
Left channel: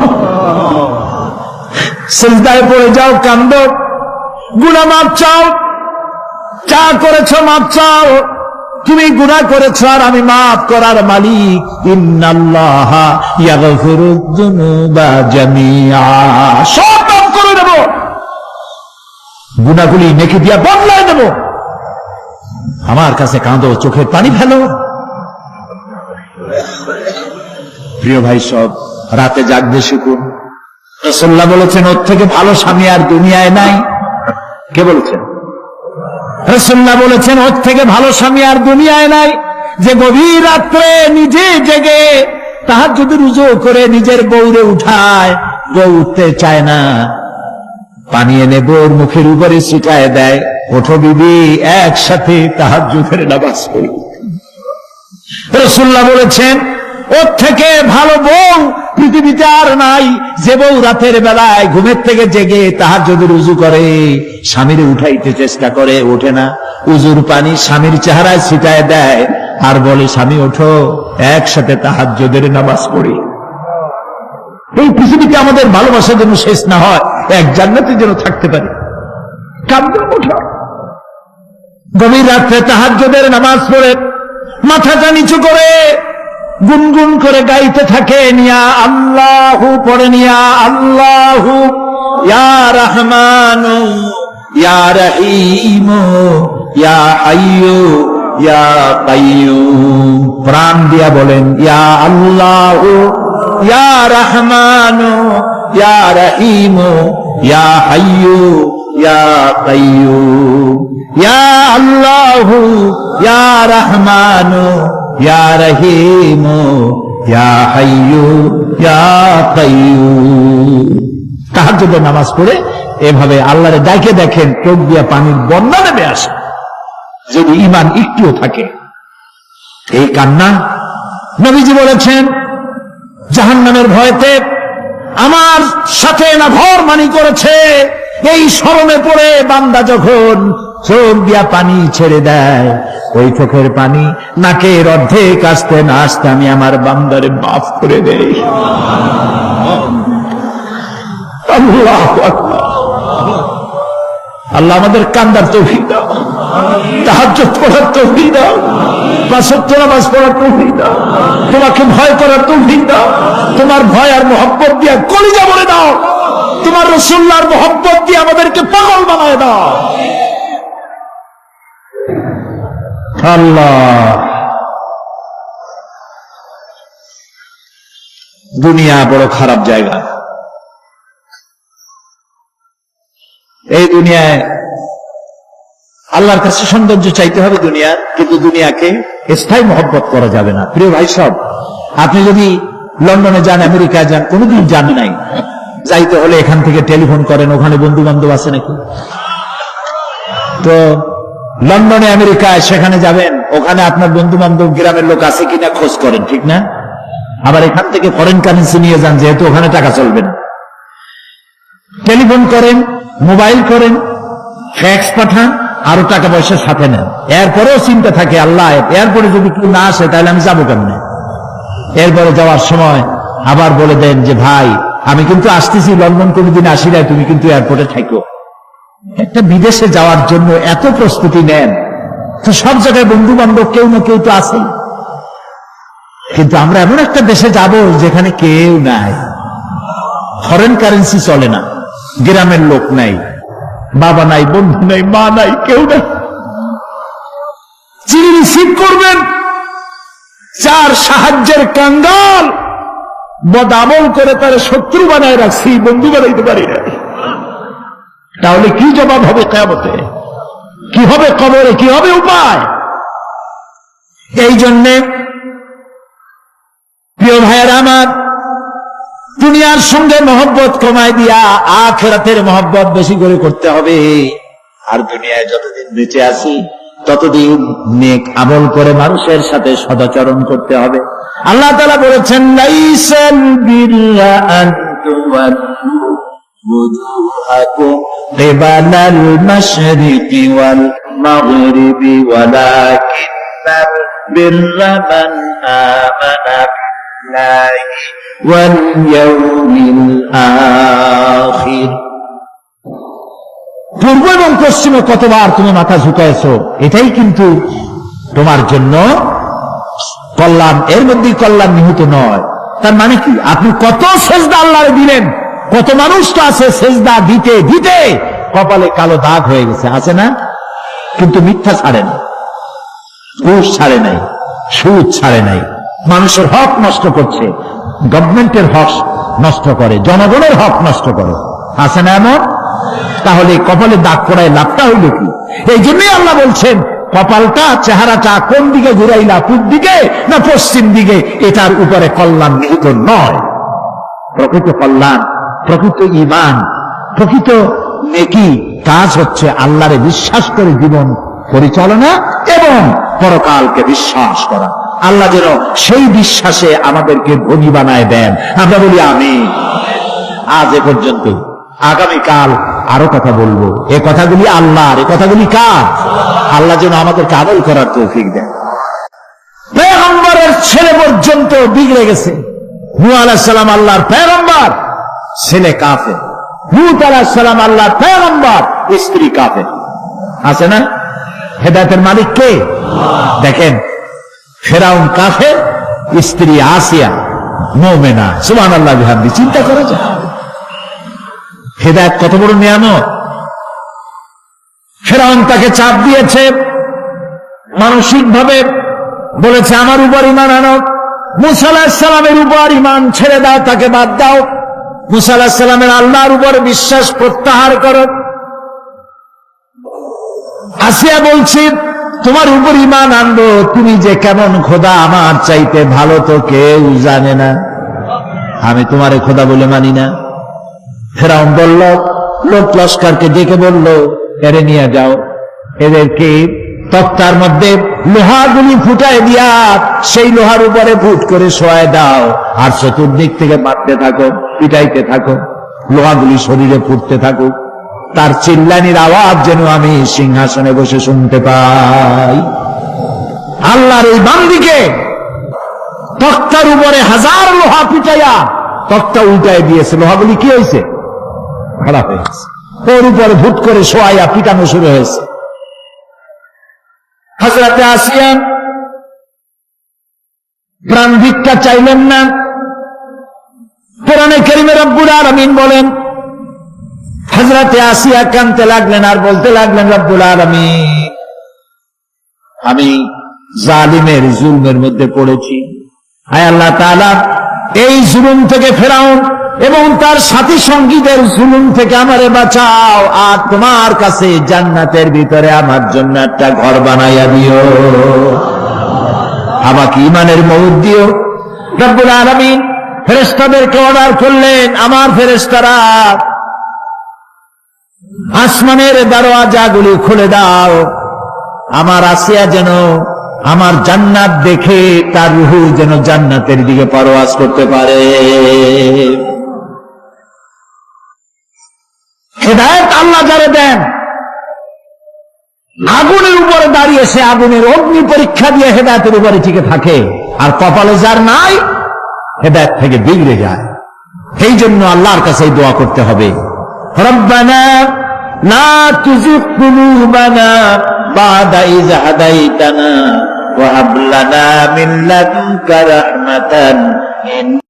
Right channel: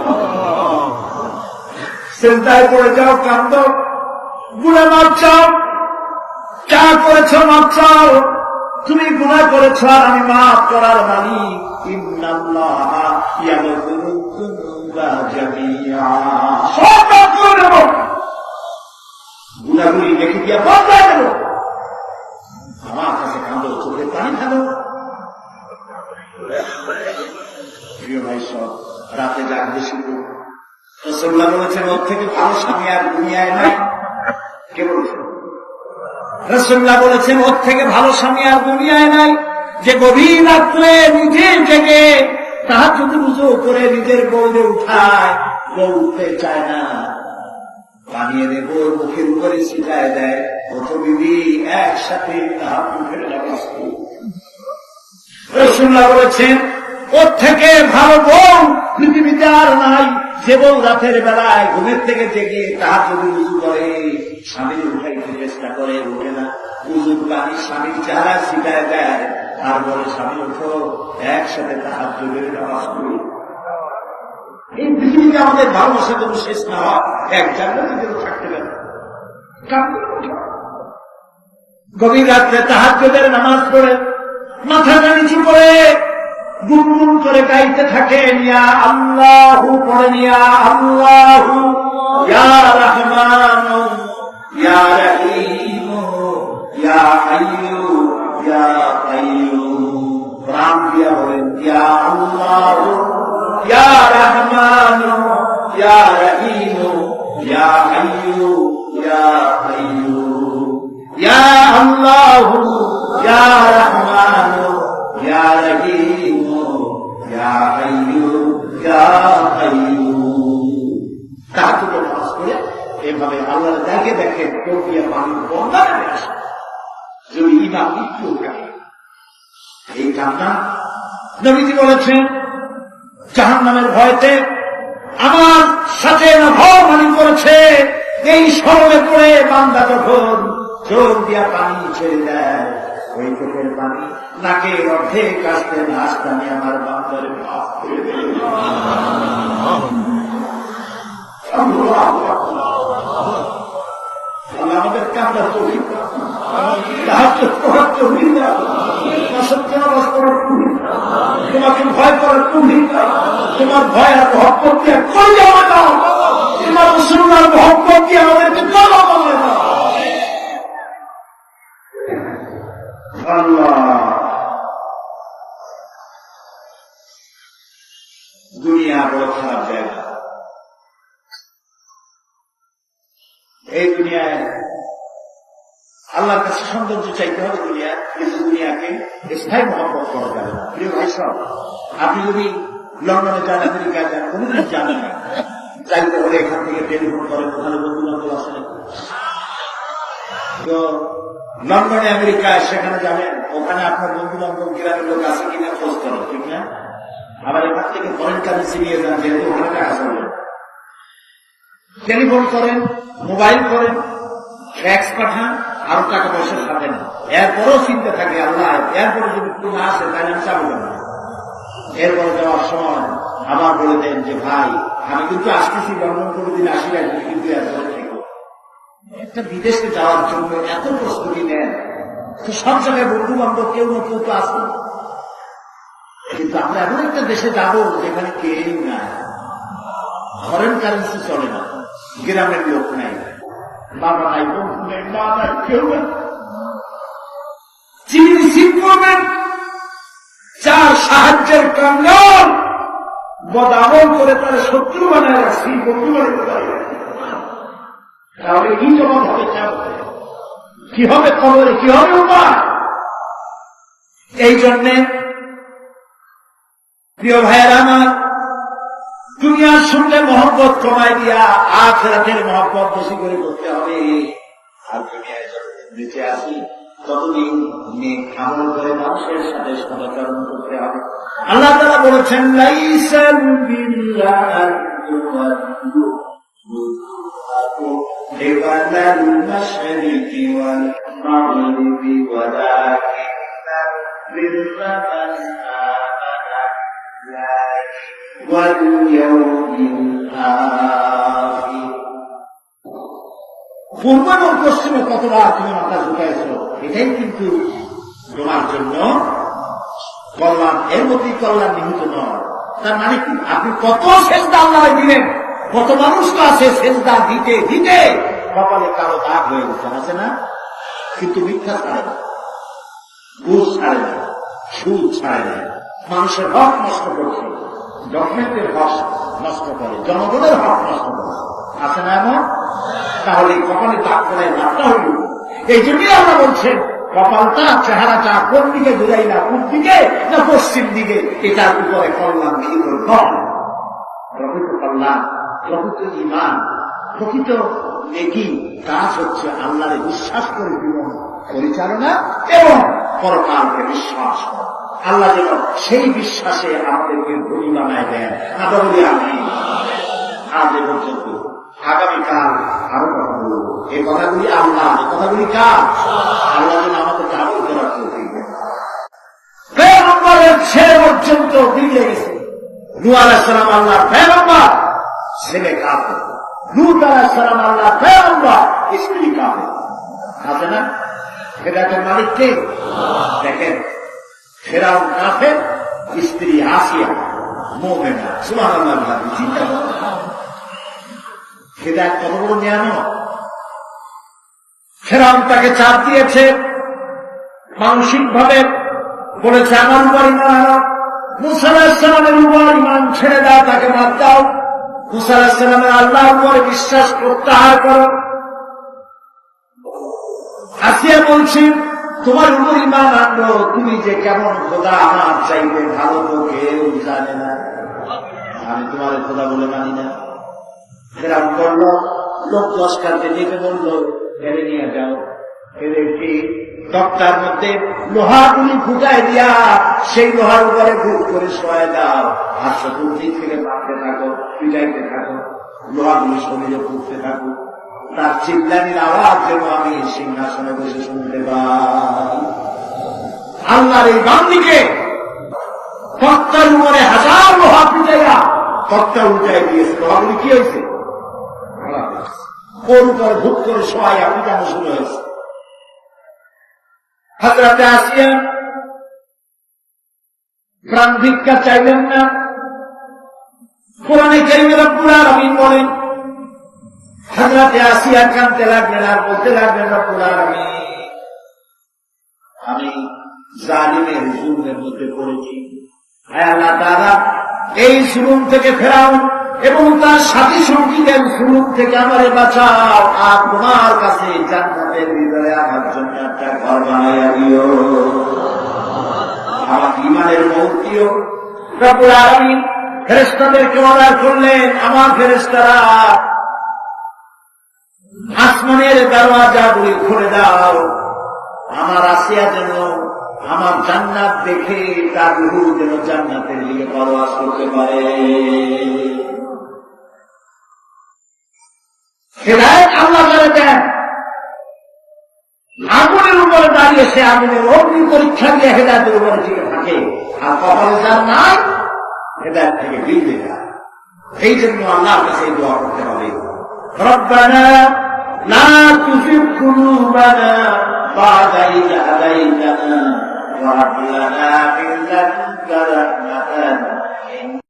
সিজদায় পড়ে যাও, কান্দো, গুনাহ মাফ চাও। যা করেছ মাফ চাও। তুমি গুনাহ করেছ আর আমি মাফ করার মালিক। ইন্নাল্লাহা ইয়াগফিরুয যুনুবা জামিআ, সব মাফ করে দেব, গুনাহগুলি নেকি দিয়া বদলায় দেব। আমার কাছে কাঁদো, চোখের পানি ফেলো। প্রিয় ভাই, সব রাতে জাগতে শিখুন। রাসূলুল্লাহ বলেছেন ওর থেকে ভালো স্বামী আর দুনিয়ায় নাই। কে বলেছেন? রাসূলুল্লাহ বলেছেন ওর থেকে ভালো স্বামী আর দুনিয়ায় নাই, যে গভীর রাত্রে নিজে জেগে তাহাজ্জুদের রুজু করে নিজের বউরে উঠায়। বউ উঠতে চায় না, পানি এনে বউর মুখের উপরে ছিটায় দেয়, ওঠো বিবি, একসাথে তাহাজ্জুদের নামাজ পড়ি। রাসূলুল্লাহ বলেছেন ওর থেকে ভালো বউ পৃথিবীতে আর নাই, যে বউ রাতের বেলায় ঘুমের থেকে জেগে তাহাজ্জুদের উযু করে, স্বামীরে উঠাইতে চেষ্টা করে, ওঠে না, উযুর পানি স্বামীর চেহারায় ছিটায় দেয় আর বলে স্বামী ওঠো, একসাথে তাহাজ্জুদের নামাজ পড়ি। এই পৃথিবীতে আমাদের ভালোবাসা যেন শেষ না হয়, এক জান্নাতে যেন থাকতে পারে। কাঁদবে, ওঠো, গভীর রাত্রে তাহাজ্জুদের নামাজ পড়ে মাথাটা নিচু করে গুনগুন করে গাইতে থাকে, নিয়া আল্লাহু পড়ে, নিয়া আল্লাহু ইয়া রহমানু ইয়া রহিমু ইয়া হাইয়ু ইয়া কাইয়ুম। প্রাণ দিয়া বলেন ইয়া আল্লাহু ইয়া রহমানু ইয়া রহিমু ইয়া হাইয়ু ইয়া কাইয়ুম। ইয়া আল্লাহু ইয়া রহমানু ইয়া রহিমু ইয়া হাইয়ু ইয়া কাইয়ুম। তাহাজ্জুদের নামাজ পড়ে এভাবে আল্লাহরে ডাকে দেখেন, চোখ দিয়া পানির বন্যা নেমে আসে, যদি ঈমান একটুও থাকে। এই কান্না, নবীজি বলেছেন জাহান্নামের ভয়তে আমার সাথে না ঘরমানি করেছে। এই শরমে পড়ে বান্দা যখন চোখ দিয়া পানি ছেড়ে দেয়, ওই চোখের পানি নাকের অর্ধেক আসতে না আসতে আমি আমার বান্দারে মাফ করে দেই। আল্লাহু আকবার। আল্লাহ আমাদের কান্দার তৌফিক দাও, তাহাজ্জুদ পড়ার তৌফিক দাও, পাঁচ ওয়াক্ত নামাজ পড়ার তৌফিক দাও, তোমাকে ভয় করার তৌফিক দাও, তোমার ভয় আর মহব্বত দিয়ে কলিজা ভরে দাও, তোমার রাসূলুল্লাহর মহব্বত দিয়ে আমাদেরকে পাগল বানায় দাও। আল্লাহ, দুনিয়া বড় খারাপ জায়গা। এই দুনিয়ায় আল্লাহর কাছে সৌন্দর্য চাইতে হবে দুনিয়ার, কিন্তু দুনিয়াকে স্থায়ী মহব্বত করা যাবে না। প্রিয় ভাই সব, আপনি যদি লন্ডনে যান, আমেরিকায় যান, কোনোদিন যান নাই, যাইতে হলে এখান থেকে টেলিফোন করেন, ওখানে বন্ধু বান্ধব আছে নাকি? তো লন্ডনে আমেরিকায় সেখানে যাবেন, ওখানে আপনার বন্ধু বান্ধব গ্রামের লোক আছে কিনা খোঁজ করেন, ঠিক না? আবার এখান থেকে ফরেন কারেন্সি নিয়ে যান, যেহেতু ওখানে টাকা চলবে না। টেলিফোন করেন, মোবাইল করেন, ফ্যাক্স পাঠান, আরো টাকা পয়সা সাথে নেন। এরপরেও চিন্তা থাকে, আল্লাহ এরপরে যদি কেউ না আসে তাহলে আমি যাবো কেমনে? এরপরে যাওয়ার সময় আবার বলে দেন যে ভাই আমি কিন্তু আসতেছি, লন্ডন কোনোদিন আসি নাই, তুমি কিন্তু এয়ারপোর্টে থাকো। একটা বিদেশে যাওয়ার জন্য এত প্রস্তুতি নেন, তো সব জায়গায় বন্ধু বান্ধব কেউ না কেউ তো আছেই, কিন্তু আমরা এমন একটা দেশে যাব যেখানে কেউ নাই, ফরেন কারেন্সি চলে না, গ্রামের লোক নাই, বাবা নাই, বন্ধু নাই, মা নাই, কেউ নাই। যিনি রিসিভ করবেন, যার সাহায্যের কাঙ্গাল, বদামল করে তার শত্রু বানায় রাখছি, বন্ধু বানাইতে পারি না, তাহলে কি জবাব হবে কিয়ামতে? কি হবে কবরে? কি হবে উপায়? এই জন্যে প্রিয় ভাইয়েরা আমার, দুনিয়ার সঙ্গে মহব্বত কমায় দিয়া আখিরাতের মহব্বত বেশি করে করতে হবে। আর দুনিয়ায় যতদিন বেঁচে আছি ততদিন নেক আমল করে মানুষের সাথে সদাচরণ করতে হবে। আল্লাহ তাআলা বলেছেন, লাইসাল বিররা আন তুওয়াল্লু ওজুহাকুম কিবালাল মাশরিকি ওয়াল মাগরিবি ওয়ালাকিন্নাল বিররা মান আমানা বিল্লাহি ওয়াল ইয়াউমিল আখির। পূর্ব এবং পশ্চিমে কতবার তুমি মাথা ঝুঁকাইছো, এটাই কিন্তু তোমার জন্য কল্যাণ। এর মধ্যে কল্যাণ নিহিত নয়। তার মানে কি? আপনি কত সেজদা আল্লাহরে দিলেন, কত মানুষ তো আছে সেজদা দিতে দিতে কপালে কালো দাগ হয়ে গেছে, আছে না? কিন্তু মিথ্যা ছাড়ে না, ঘুষ ছাড়ে নাই, সুদ ছাড়ে নাই, মানুষের হক নষ্ট করছে, গভর্নমেন্টের হক নষ্ট করে, জনগণের হক নষ্ট করে, আছে না এমন? তাহলে কপালে দাগ পড়ায় লাভটা হইল কি? এই জন্যই আল্লাহ বলছেন, কপালটা, চেহারাটা কোন দিকে ঘুরাইলা, পূব দিকে না পশ্চিম দিকে, এটার উপরে কল্যাণ নিহিত নয়। প্রকৃত কল্যাণ, প্রকৃত ঈমান, প্রকৃত নেকি কাজ হচ্ছে আল্লাহরে বিশ্বাস করে জীবন পরিচালনা এবং পরকালকে বিশ্বাস করা। আল্লাহ যেন সেই বিশ্বাসে আমাদেরকে ধনী বানায় দেন, আমরা বলি আমিন। আজ এ পর্যন্ত, আগামীকাল আরো কথা বলবো। এ কথাগুলি আল্লাহর, এ কথাগুলি কার? আল্লাহ যেন আমাদেরকে আমল করার তৌফিক দেন। পয়গম্বরের ছেলে পর্যন্ত বিগড়ে গেছে। নূহ আলাইহিস সালাম আল্লাহর পয়গম্বর, ছেলে কাফের। লূত আলাইহিস সালাম আল্লাহর পয়গম্বর, স্ত্রী কাফের। আছে না? হেদায়েতের মালিক কে? দেখেন, ফেরাউন কাফের, স্ত্রী আসিয়া মুমিনা। সুবহানাল্লাহ বিহামদি। চিন্তা করা যায় হেদায়েত কত বড় নিয়ামত। ফেরাউন তাকে চাপ দিয়েছে, মানসিক ভাবে বলেছে আমার উপর ঈমান আনো, মূসা আলাইহিস সালামের উপর ঈমান ছেড়ে দাও, তাকে বাদ দাও, মূসা আলাইহিস সালামের আল্লাহর উপর বিশ্বাস প্রত্যাহার করো। আসিয়া বলছি তোমার উপর ঈমান আনবো, তুমি যে কেমন খোদা, আমার চাইতে ভালো তো কেউ জানে না, আমি তোমারে খোদা বলে মানি না। ফেরাউন বলল, লোক লস্করকে ডেকে বলল, এরে নিয়ে যাও, এদেরকে তক্তার মধ্যে লোহাগুলি ফুটায় দিয়া সেই লোহার উপরে ফুট করে শোয়ায় দাও, আর চতুর্দিক থেকে মারতে থাকো, পিটাইতে থাকো, লোহাগুলি শরীরে ফুটতে থাকুক, তার চিল্লানির আওয়াজ যেন আমি সিংহাসনে বসে শুনতে পাই। আল্লাহর এই বান্দিকে তক্তার উপরে হাজার লোহা পিটাইয়া তক্তা উল্টায় দিয়েছে। লোহাগুলি কি হয়েছে? খারাপ হয়ে গেছে। ওর উপর ভূত করে শোয়াইয়া পিটানো শুরু হয়েছে। হযরতে আসিয়া প্রাণ ভিক্ষা চাইলেন না। কোরআনে কারীমে রব্বুল আলামিন বলেন, হযরতে আসিয়া কাঁদতে লাগলেন আর বলতে লাগলেন, রব্বুল আলামিন, আমি জালিমের জুলমের মধ্যে পড়েছি, হায় আল্লাহ তাআলা, এই জুলুম থেকে ফেরাউন এবং তার সাথী সঙ্গীদের জুলুম থেকে আমারে বাঁচাও, আর তোমার কাছে জান্নাতের ভিতরে আমার জন্য একটা ঘর বানাইয়া দিও, আমাকে ঈমানের মওত দিও। রব্বুল আলামিন ফেরেশতাদেরকে অর্ডার করলেন, আমার ফেরেশতারা আসমানের দরওয়াজাগুলি খুলে দাও, আমার আসিয়া যেন আমার জান্নাত দেখে তার রূহ যেন জান্নাতের দিকে পরওয়াজ করতে পারে। হেদায়েত আল্লাহ যারা দেন, আগুনের উপরে দাঁড়িয়ে সে আগুনের অগ্নি পরীক্ষা দিয়ে হেদায়েতের উপরে টিকে থাকে, আর কপালে যার নাই হেদায়েত থেকে বিগড়ে যায়। সেই জন্য আল্লাহর কাছে দোয়া করতে হবে, রব্বানা লা তুযিগ কুলুবানা বা'দা ইয হাদাইতানা ওয়া হাব লানা মিন লাদুনকা রাহমাতান।